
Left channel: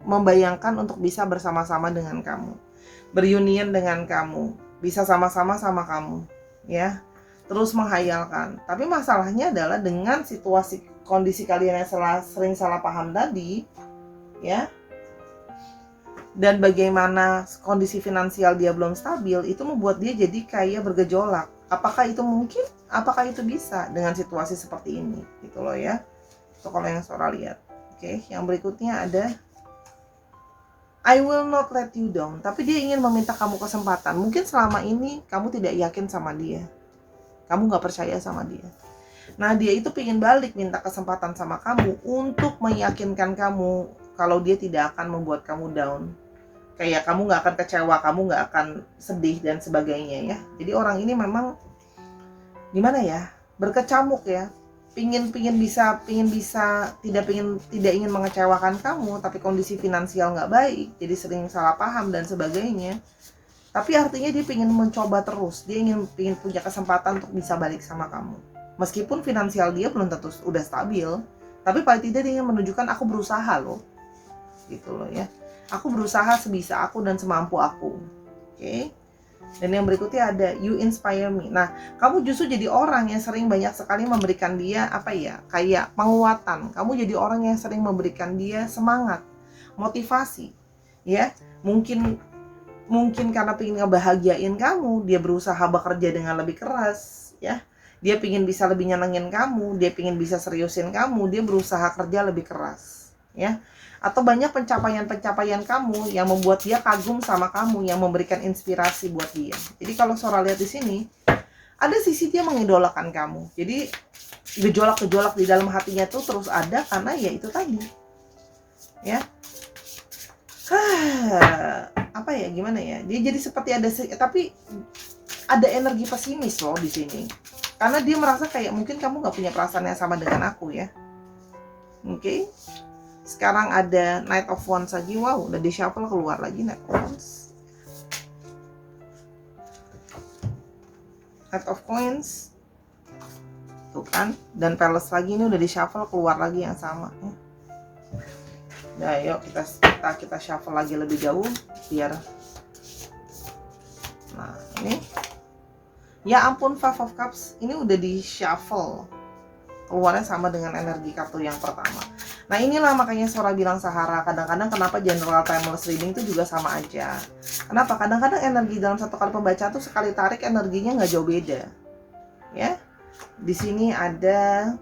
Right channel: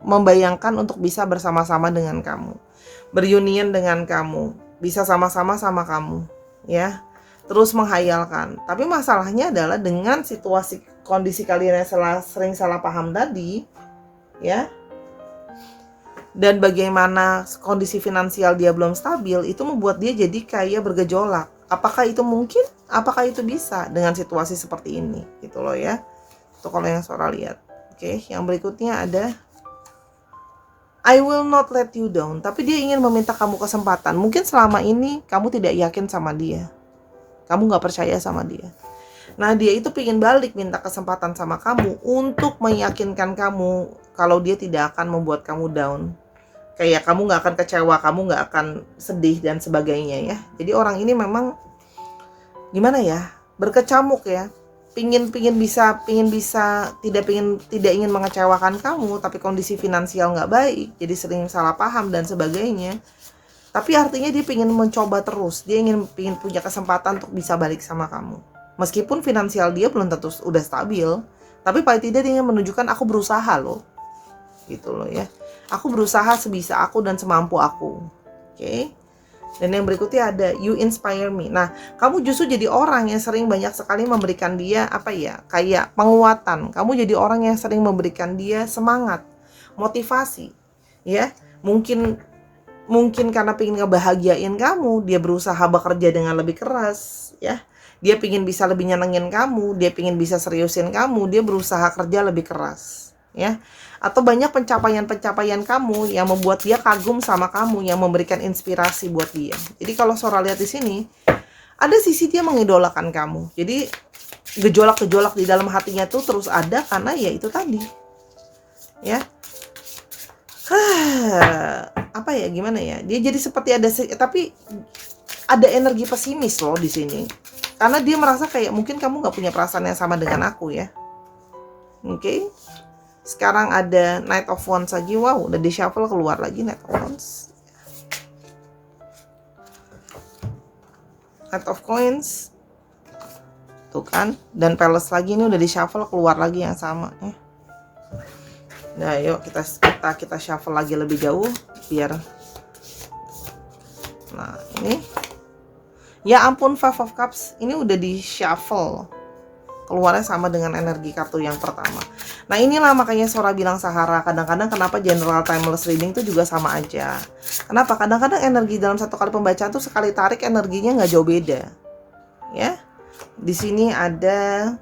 membayangkan untuk bisa bersama-sama dengan kamu, berunion dengan kamu, bisa sama-sama sama kamu, ya. Terus menghayalkan. Tapi masalahnya adalah dengan situasi kondisi kalian yang sering salah paham tadi, ya. Dan bagaimana kondisi finansial dia belum stabil, itu membuat dia jadi kayak bergejolak. Apakah itu mungkin? Apakah itu bisa dengan situasi seperti ini? Gitu loh ya. Itu kalau yang Sora lihat. Oke, yang berikutnya ada I will not let you down. Tapi dia ingin meminta kamu kesempatan. Mungkin selama ini kamu tidak yakin sama dia. Kamu gak percaya sama dia. Nah, dia itu pengen balik minta kesempatan sama kamu untuk meyakinkan kamu kalau dia tidak akan membuat kamu down. Kayak kamu gak akan kecewa, kamu gak akan sedih dan sebagainya ya. Jadi orang ini memang gimana ya, berkecamuk ya. Pingin bisa tidak ingin mengecewakan kamu, tapi kondisi finansial gak baik, jadi sering salah paham dan sebagainya. Tapi artinya dia pengen mencoba terus, dia ingin punya kesempatan untuk bisa balik sama kamu. Meskipun finansial dia belum tentu udah stabil, tapi paling tidak dia ingin menunjukkan aku berusaha loh. Gitu loh ya. Aku berusaha sebisa aku dan semampu aku. Oke. Dan yang berikutnya ada you inspire me. Nah, kamu justru jadi orang yang sering banyak sekali memberikan dia kayak penguatan. Kamu jadi orang yang sering memberikan dia semangat, motivasi. Ya. Mungkin karena pengen ngebahagiain kamu, dia berusaha bekerja dengan lebih keras, ya. Dia pengen bisa lebih nyenengin kamu, dia pengen bisa seriusin kamu, dia berusaha kerja lebih keras, ya. Atau banyak pencapaian kamu yang membuat dia kagum sama kamu, yang memberikan inspirasi buat dia. Jadi kalau Sora lihat di sini, ada sisi dia mengidolakan kamu. Jadi gejolak-gejolak di dalam hatinya tuh terus ada karena ya itu tadi, ya. Gimana ya? Dia jadi seperti tapi ada energi pesimis loh di sini. Karena dia merasa kayak mungkin kamu nggak punya perasaan yang sama dengan aku ya. Oke. Sekarang ada Knight of Wands lagi. Wow, udah di shuffle keluar lagi Knight of Wands. Knight of Coins. Tuh kan. Dan Palace lagi, ini udah di shuffle keluar lagi yang sama ya. Nah, yuk kita shuffle lagi lebih jauh biar. Nah, ini. Ya ampun, Five of Cups. Ini udah di shuffle. Keluarnya sama dengan energi kartu yang pertama. Nah, inilah makanya Sora bilang Sahara, kadang-kadang kenapa general timeless reading itu juga sama aja. Kenapa? Kadang-kadang energi dalam satu kali pembacaan tuh sekali tarik energinya nggak jauh beda. Ya. Di sini ada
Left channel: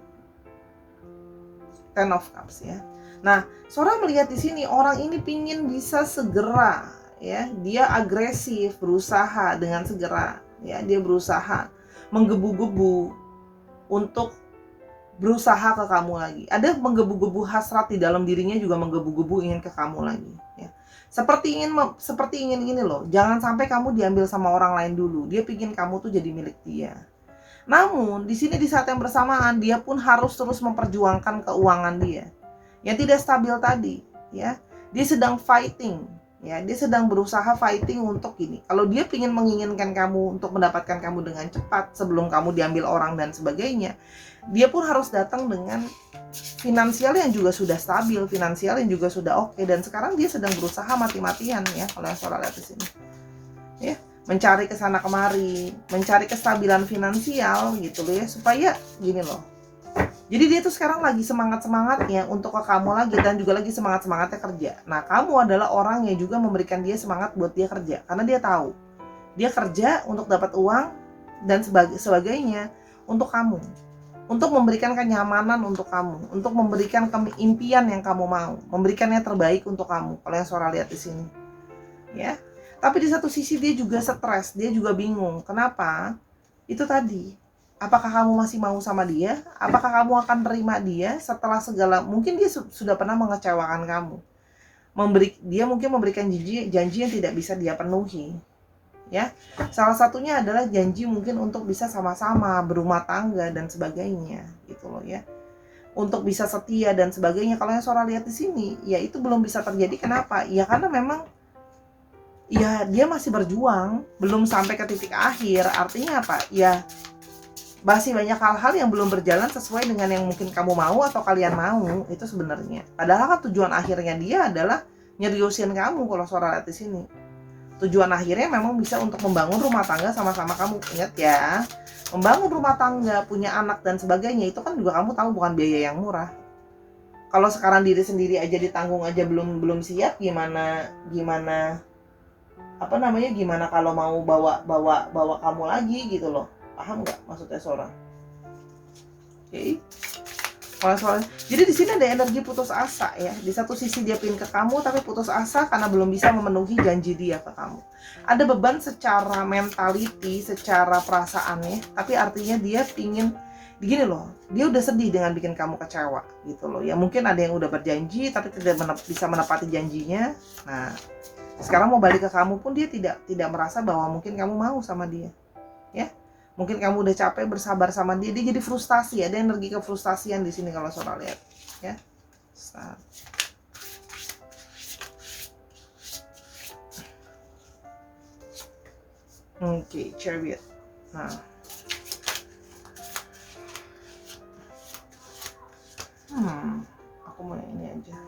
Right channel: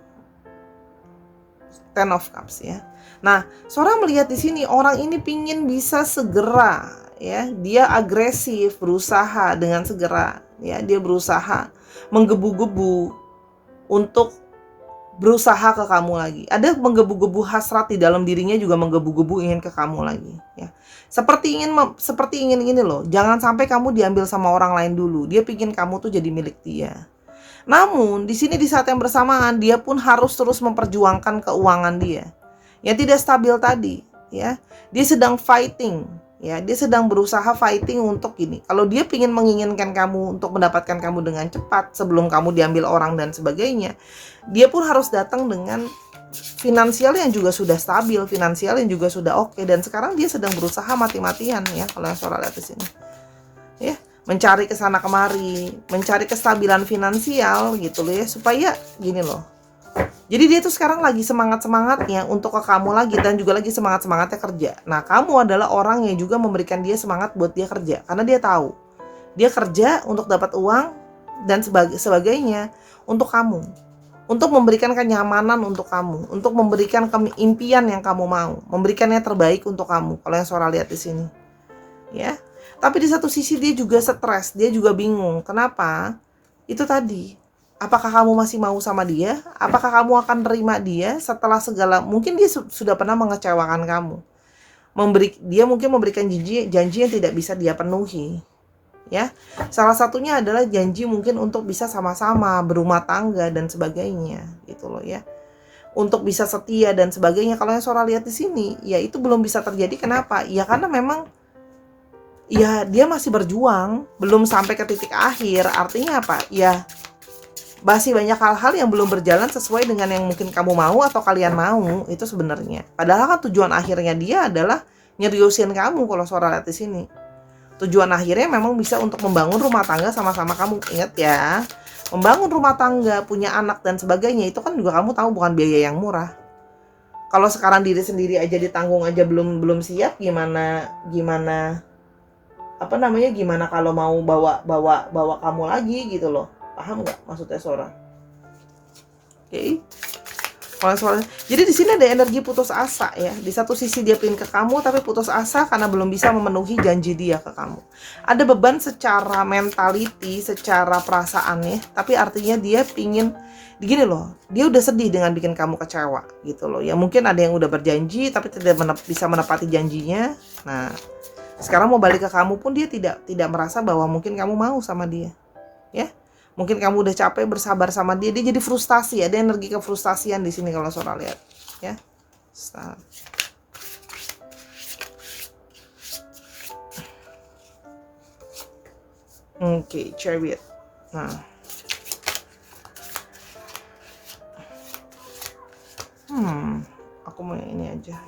Ten of Cups ya. Nah, Sora melihat di sini orang ini pingin bisa segera, ya, dia agresif, berusaha dengan segera, ya, dia berusaha menggebu-gebu untuk berusaha ke kamu lagi. Ada menggebu-gebu hasrat di dalam dirinya, juga menggebu-gebu ingin ke kamu lagi, ya. Seperti ingin gini loh, jangan sampai kamu diambil sama orang lain dulu. Dia pingin kamu tuh jadi milik dia. Namun di sini di saat yang bersamaan dia pun harus terus memperjuangkan keuangan dia yang tidak stabil tadi, ya. Dia sedang fighting, ya. Dia sedang berusaha fighting untuk ini. Kalau dia ingin menginginkan kamu untuk mendapatkan kamu dengan cepat sebelum kamu diambil orang dan sebagainya, dia pun harus datang dengan finansial yang juga sudah stabil, finansial yang juga sudah oke. Dan sekarang dia sedang berusaha mati-matian, ya, kalau yang Sora lihat di sini, ya, mencari kesana kemari, mencari kestabilan finansial gitu loh ya, supaya gini loh. Jadi dia tuh sekarang lagi semangat-semangatnya untuk ke kamu lagi, dan juga lagi semangat-semangatnya kerja. Nah, kamu adalah orang yang juga memberikan dia semangat buat dia kerja, karena dia tahu dia kerja untuk dapat uang dan sebagainya untuk kamu, untuk memberikan kenyamanan untuk kamu, untuk memberikan impian yang kamu mau, memberikan yang terbaik untuk kamu. Kalau yang Sora lihat di sini, ya. Tapi di satu sisi dia juga stres, dia juga bingung. Kenapa? Itu tadi. Apakah kamu masih mau sama dia? Apakah kamu akan terima dia setelah segala, mungkin dia sudah pernah mengecewakan kamu. Dia mungkin memberikan janji yang tidak bisa dia penuhi. ya. Salah satunya adalah janji mungkin untuk bisa sama-sama berumah tangga dan sebagainya gitu loh ya. Untuk bisa setia dan sebagainya. Kalau yang Sora lihat di sini, ya itu belum bisa terjadi. Kenapa? Ya karena memang ya dia masih berjuang, belum sampai ke titik akhir. Artinya apa? Ya masih banyak hal-hal yang belum berjalan sesuai dengan yang mungkin kamu mau atau kalian mau itu sebenarnya. Padahal kan tujuan akhirnya dia adalah nyeriusin kamu kalau Sora lihat di sini. Tujuan akhirnya memang bisa untuk membangun rumah tangga sama-sama kamu. Ingat ya, membangun rumah tangga, punya anak dan sebagainya itu kan juga kamu tahu bukan biaya yang murah. Kalau sekarang diri sendiri aja ditanggung aja belum siap, gimana gimana kalau mau bawa kamu lagi gitu loh. Paham nggak maksudnya Sora? Oke. Jadi di sini ada energi putus asa ya. Di satu sisi dia pengen ke kamu tapi putus asa karena belum bisa memenuhi janji dia ke kamu. Ada beban secara mentality, secara perasaan ya. Tapi artinya dia pingin gini loh. Dia udah sedih dengan bikin kamu kecewa gitu loh. Ya mungkin ada yang udah berjanji tapi tidak bisa menepati janjinya. Nah, sekarang mau balik ke kamu pun dia tidak merasa bahwa mungkin kamu mau sama dia. Ya. Mungkin kamu udah capek bersabar sama dia jadi frustasi, ada energi kefrustasian di sini kalau Sora lihat, ya. Start. Oke, Chariot. Nah. Aku mau ini aja.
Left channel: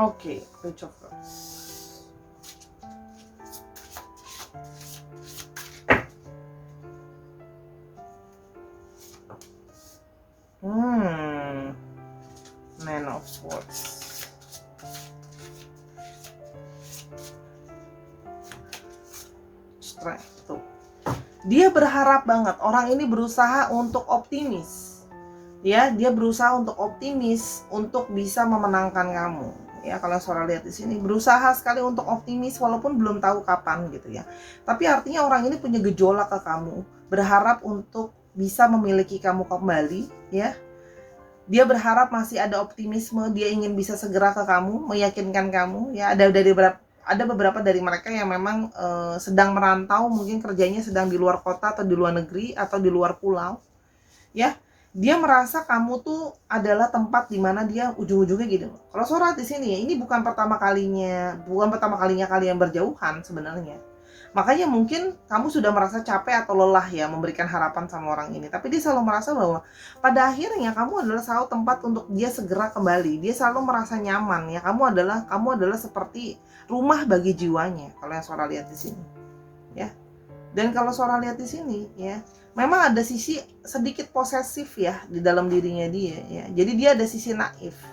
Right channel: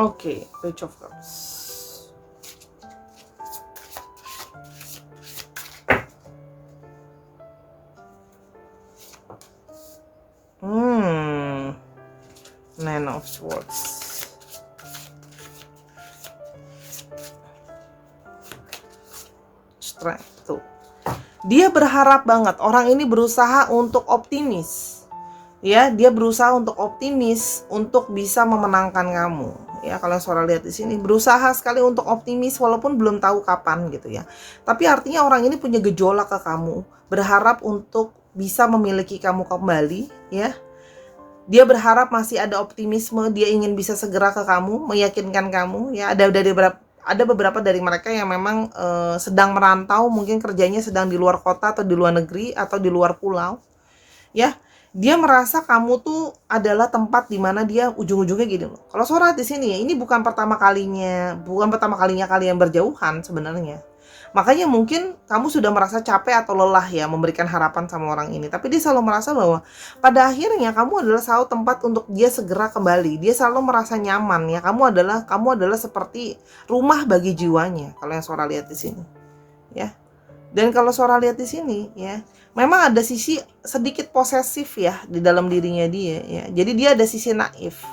Oke, Page of Cups. Nine of Swords. Strength tuh. Dia berharap banget. Orang ini berusaha untuk optimis. Ya, dia berusaha untuk optimis untuk bisa memenangkan kamu. Ya, kalau Sora lihat di sini berusaha sekali untuk optimis walaupun belum tahu kapan gitu ya. Tapi artinya orang ini punya gejolak ke kamu, berharap untuk bisa memiliki kamu kembali, ya. Dia berharap masih ada optimisme, dia ingin bisa segera ke kamu, meyakinkan kamu, ya. Ada beberapa dari mereka yang memang sedang merantau, mungkin kerjanya sedang di luar kota atau di luar negeri atau di luar pulau, ya. Dia merasa kamu tuh adalah tempat di mana dia ujung-ujungnya gitu. Kalau Sora di sini ya, ini bukan pertama kalinya kalian berjauhan sebenarnya. Makanya mungkin kamu sudah merasa capek atau lelah ya memberikan harapan sama orang ini. Tapi dia selalu merasa bahwa pada akhirnya kamu adalah selalu tempat untuk dia segera kembali. Dia selalu merasa nyaman ya. Kamu adalah seperti rumah bagi jiwanya. Kalau yang Sora lihat di sini, ya. Dan kalau Sora lihat di sini, ya, memang ada sisi sedikit posesif ya di dalam dirinya dia, ya. Jadi dia ada sisi naif,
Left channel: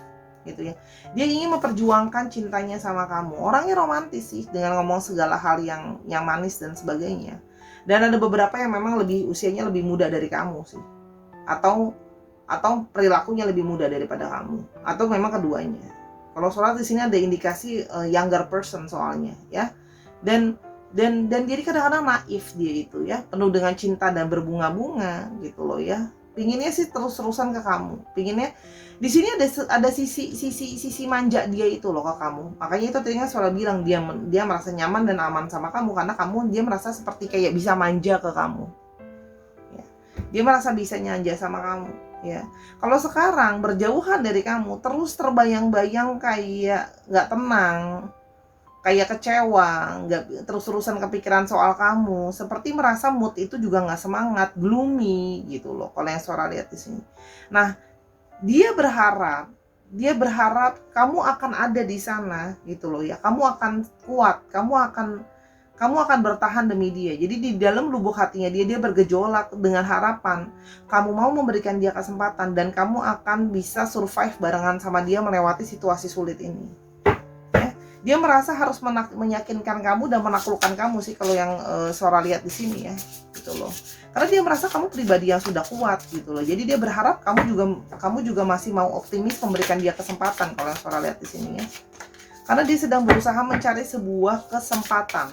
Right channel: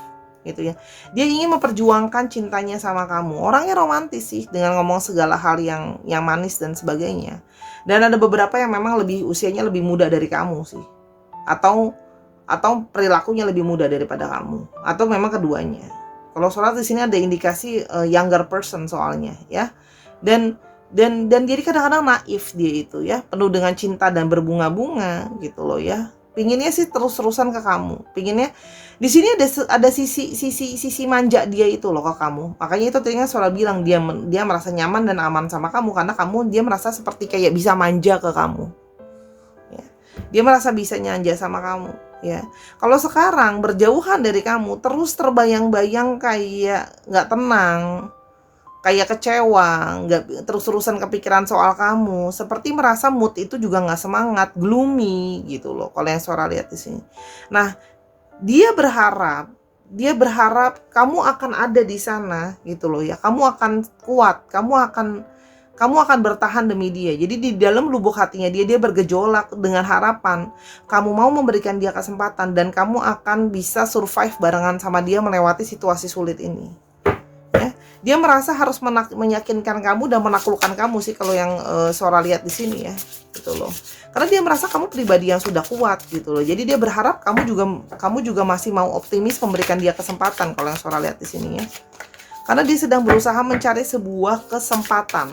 gitu ya. Dia ingin memperjuangkan cintanya sama kamu. Orangnya romantis sih, dengan ngomong segala hal yang manis dan sebagainya. Dan ada beberapa yang memang usianya lebih muda dari kamu sih, atau perilakunya lebih muda daripada kamu, atau memang keduanya. Kalau Sora di sini ada indikasi younger person soalnya, ya. Dan jadi kadang-kadang naif dia itu ya, penuh dengan cinta dan berbunga-bunga gitu loh ya. Pinginnya sih terus-terusan ke kamu. Pinginnya di sini ada sisi manja dia itu loh ke kamu. Makanya itu tadinya Sora bilang dia merasa nyaman dan aman sama kamu karena dia merasa seperti kayak bisa manja ke kamu. Ya. Dia merasa bisa nyanja sama kamu, ya. Kalau sekarang berjauhan dari kamu, terus terbayang-bayang kayak nggak tenang, kayak kecewa, nggak terus-terusan kepikiran soal kamu, seperti merasa mood itu juga nggak semangat, gloomy gitu loh. Kalau yang Sora lihat di sini. Nah, dia berharap kamu akan ada di sana gitu loh ya. Kamu akan kuat, kamu akan bertahan demi dia. Jadi di dalam lubuk hatinya dia bergejolak dengan harapan kamu mau memberikan dia kesempatan dan kamu akan bisa survive barengan sama dia melewati situasi sulit ini. Dia merasa harus meyakinkan kamu dan menaklukkan kamu sih kalau yang Sora lihat di sini ya, gitu loh. Karena dia merasa kamu pribadi yang sudah kuat gitu loh. Jadi dia berharap kamu juga masih mau optimis memberikan dia kesempatan kalau yang Sora lihat di sini ya. Karena dia sedang berusaha mencari sebuah kesempatan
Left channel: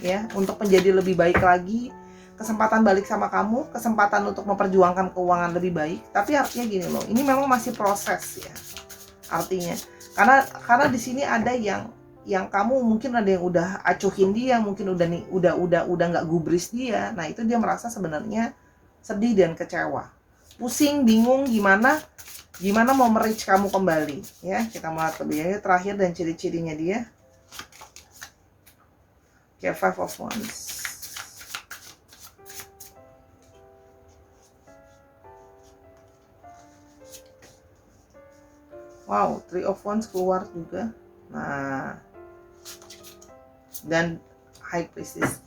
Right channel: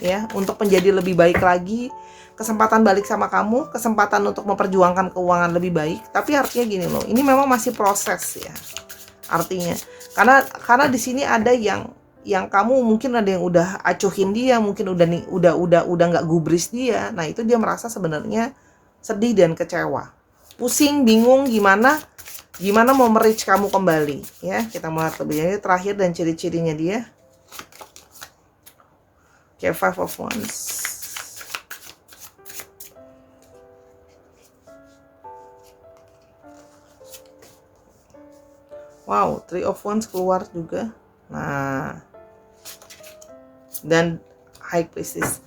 ya untuk menjadi lebih baik lagi, kesempatan balik sama kamu, kesempatan untuk memperjuangkan keuangan lebih baik. Tapi artinya gini loh, ini memang masih proses ya. Artinya karena di sini ada yang yang kamu mungkin ada yang udah acuhin dia, mungkin udah nih udah nggak gubris dia. Nah, itu dia merasa sebenarnya sedih dan kecewa. Pusing, bingung gimana mau merich kamu kembali ya. Kita lihat lebih lanjut terakhir dan ciri-cirinya dia. Oke, Five of Wands. Wow, Three of Wands keluar juga. Nah, dan High Priestess.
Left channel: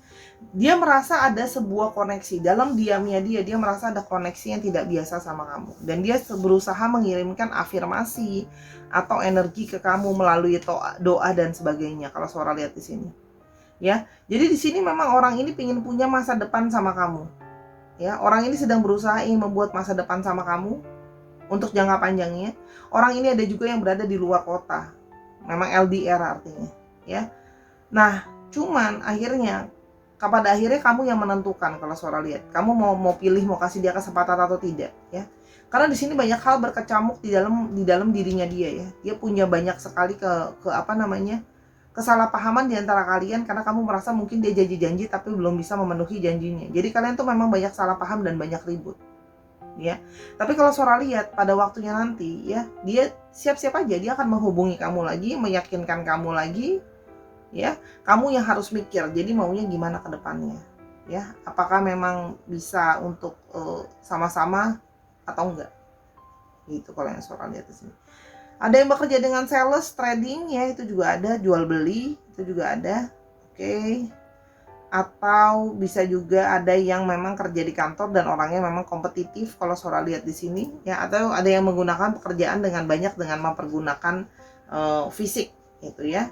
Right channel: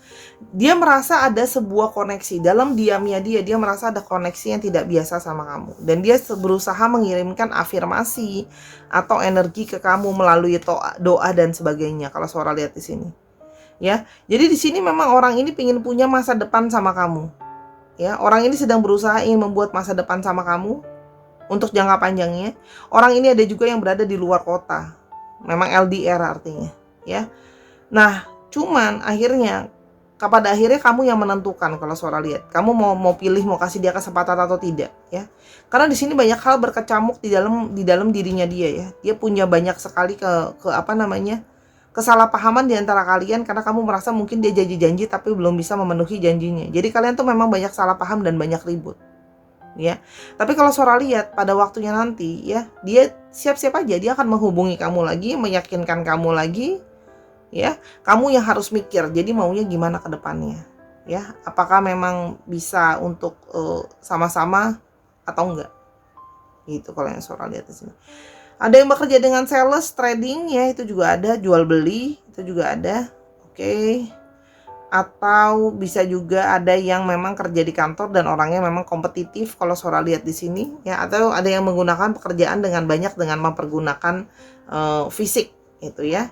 Dia merasa ada sebuah koneksi dalam diamnya dia merasa ada koneksi yang tidak biasa sama kamu, dan dia berusaha mengirimkan afirmasi atau energi ke kamu melalui doa dan sebagainya. Kalau Sora lihat di sini, ya. Jadi di sini memang orang ini ingin punya masa depan sama kamu, ya. Orang ini sedang berusaha ingin membuat masa depan sama kamu untuk jangka panjangnya. Orang ini ada juga yang berada di luar kota, memang LDR artinya, ya. Nah, cuman pada akhirnya kamu yang menentukan. Kalau Sora lihat, kamu mau pilih, mau kasih dia kesempatan atau tidak, ya. Karena di sini banyak hal berkecamuk di dalam dirinya dia, ya. Dia punya banyak sekali kesalahpahaman di antara kalian, karena kamu merasa mungkin dia janji tapi belum bisa memenuhi janjinya. Jadi kalian tuh memang banyak salah paham dan banyak ribut, ya. Tapi kalau Sora lihat pada waktunya nanti, ya, dia siap-siap aja, dia akan menghubungi kamu lagi, meyakinkan kamu lagi, ya. Kamu yang harus mikir, jadi maunya gimana ke depannya, ya. Apakah memang bisa untuk sama-sama atau enggak, gitu. Kalau yang Sora lihat di sini, ada yang bekerja dengan sales, trading, ya, itu juga ada. Jual beli, itu juga ada. Oke. Atau bisa juga ada yang memang kerja di kantor dan orangnya memang kompetitif, kalau Sora lihat di sini, ya. Atau ada yang menggunakan pekerjaan dengan mempergunakan fisik, gitu, ya.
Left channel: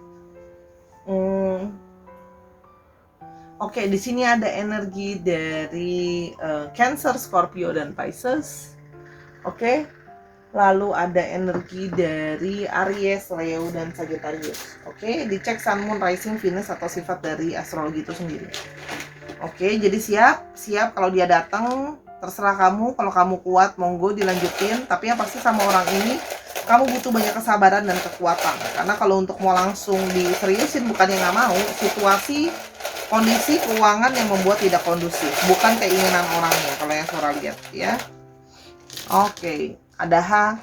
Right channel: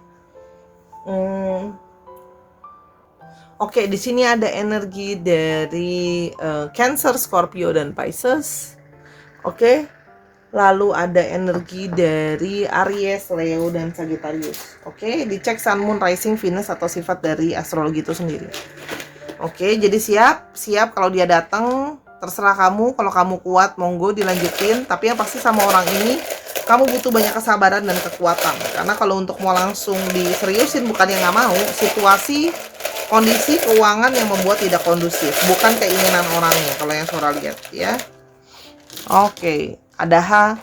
Oke, di sini ada energi dari Cancer, Scorpio, dan Pisces. Oke. Lalu ada energi dari Aries, Leo, dan Sagittarius. Oke, dicek Sun, Moon, Rising, Venus atau sifat dari astrologi itu sendiri. Oke, jadi siap kalau dia datang, terserah kamu. Kalau kamu kuat, monggo dilanjutin. Tapi yang pasti sama orang ini kamu butuh banyak kesabaran dan kekuatan. Karena kalau untuk mau langsung diseriusin, bukan yang nggak mau, situasi, kondisi keuangan yang membuat tidak kondusif, bukan keinginan orangnya. Kalau yang Sora lihat, ya. Oke, ada H,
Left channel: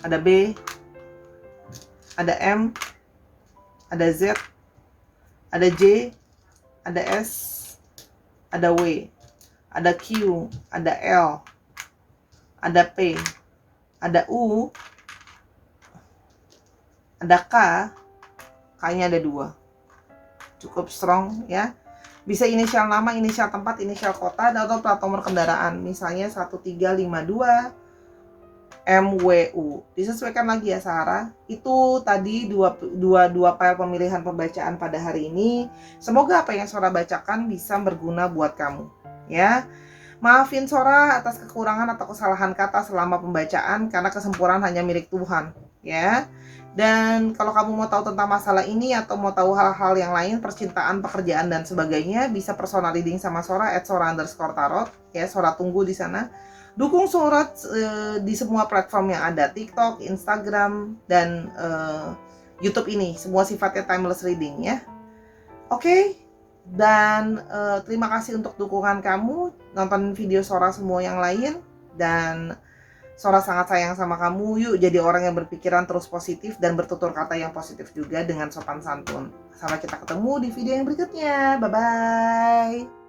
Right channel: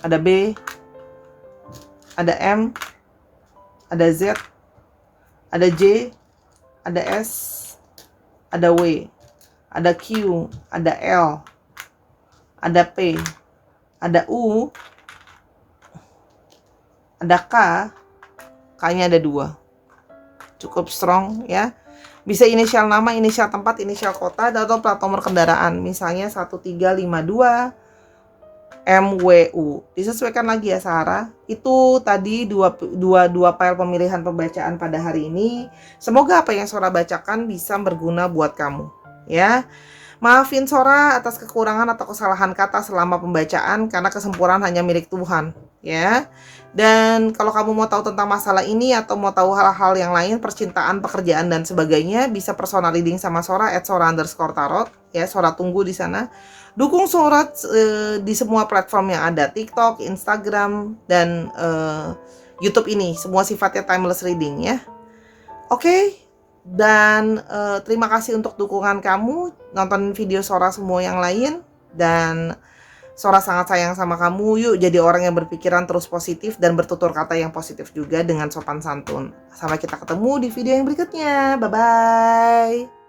ada B, ada M, ada Z, ada J, ada S, ada W, ada Q, ada L, ada P, ada U, ada K. K-nya ada 2. Cukup strong, ya. Bisa inisial nama, inisial tempat, inisial kota, atau plat nomor kendaraan. Misalnya 1352 MWU. Disesuaikan lagi ya, Sarah. Itu tadi dua file pemilihan pembacaan pada hari ini. Semoga apa yang Sora bacakan bisa berguna buat kamu, ya. Maafin Sora atas kekurangan atau kesalahan kata selama pembacaan, karena kesempurnaan hanya milik Tuhan, ya. Dan kalau kamu mau tahu tentang masalah ini atau mau tahu hal-hal yang lain, percintaan, pekerjaan, dan sebagainya, bisa personal reading sama Sora @sora_tarot, ya. Sora tunggu di sana. Dukung Sora di semua platform yang ada, TikTok, Instagram, dan YouTube ini. Semua sifatnya timeless reading, ya. Oke. Dan terima kasih untuk dukungan kamu, nonton video Sora semua yang lain, dan Sora sangat sayang sama kamu. Yuk jadi orang yang berpikiran terus positif dan bertutur kata yang positif juga dengan sopan santun. Sampai kita ketemu di video yang berikutnya. Bye bye.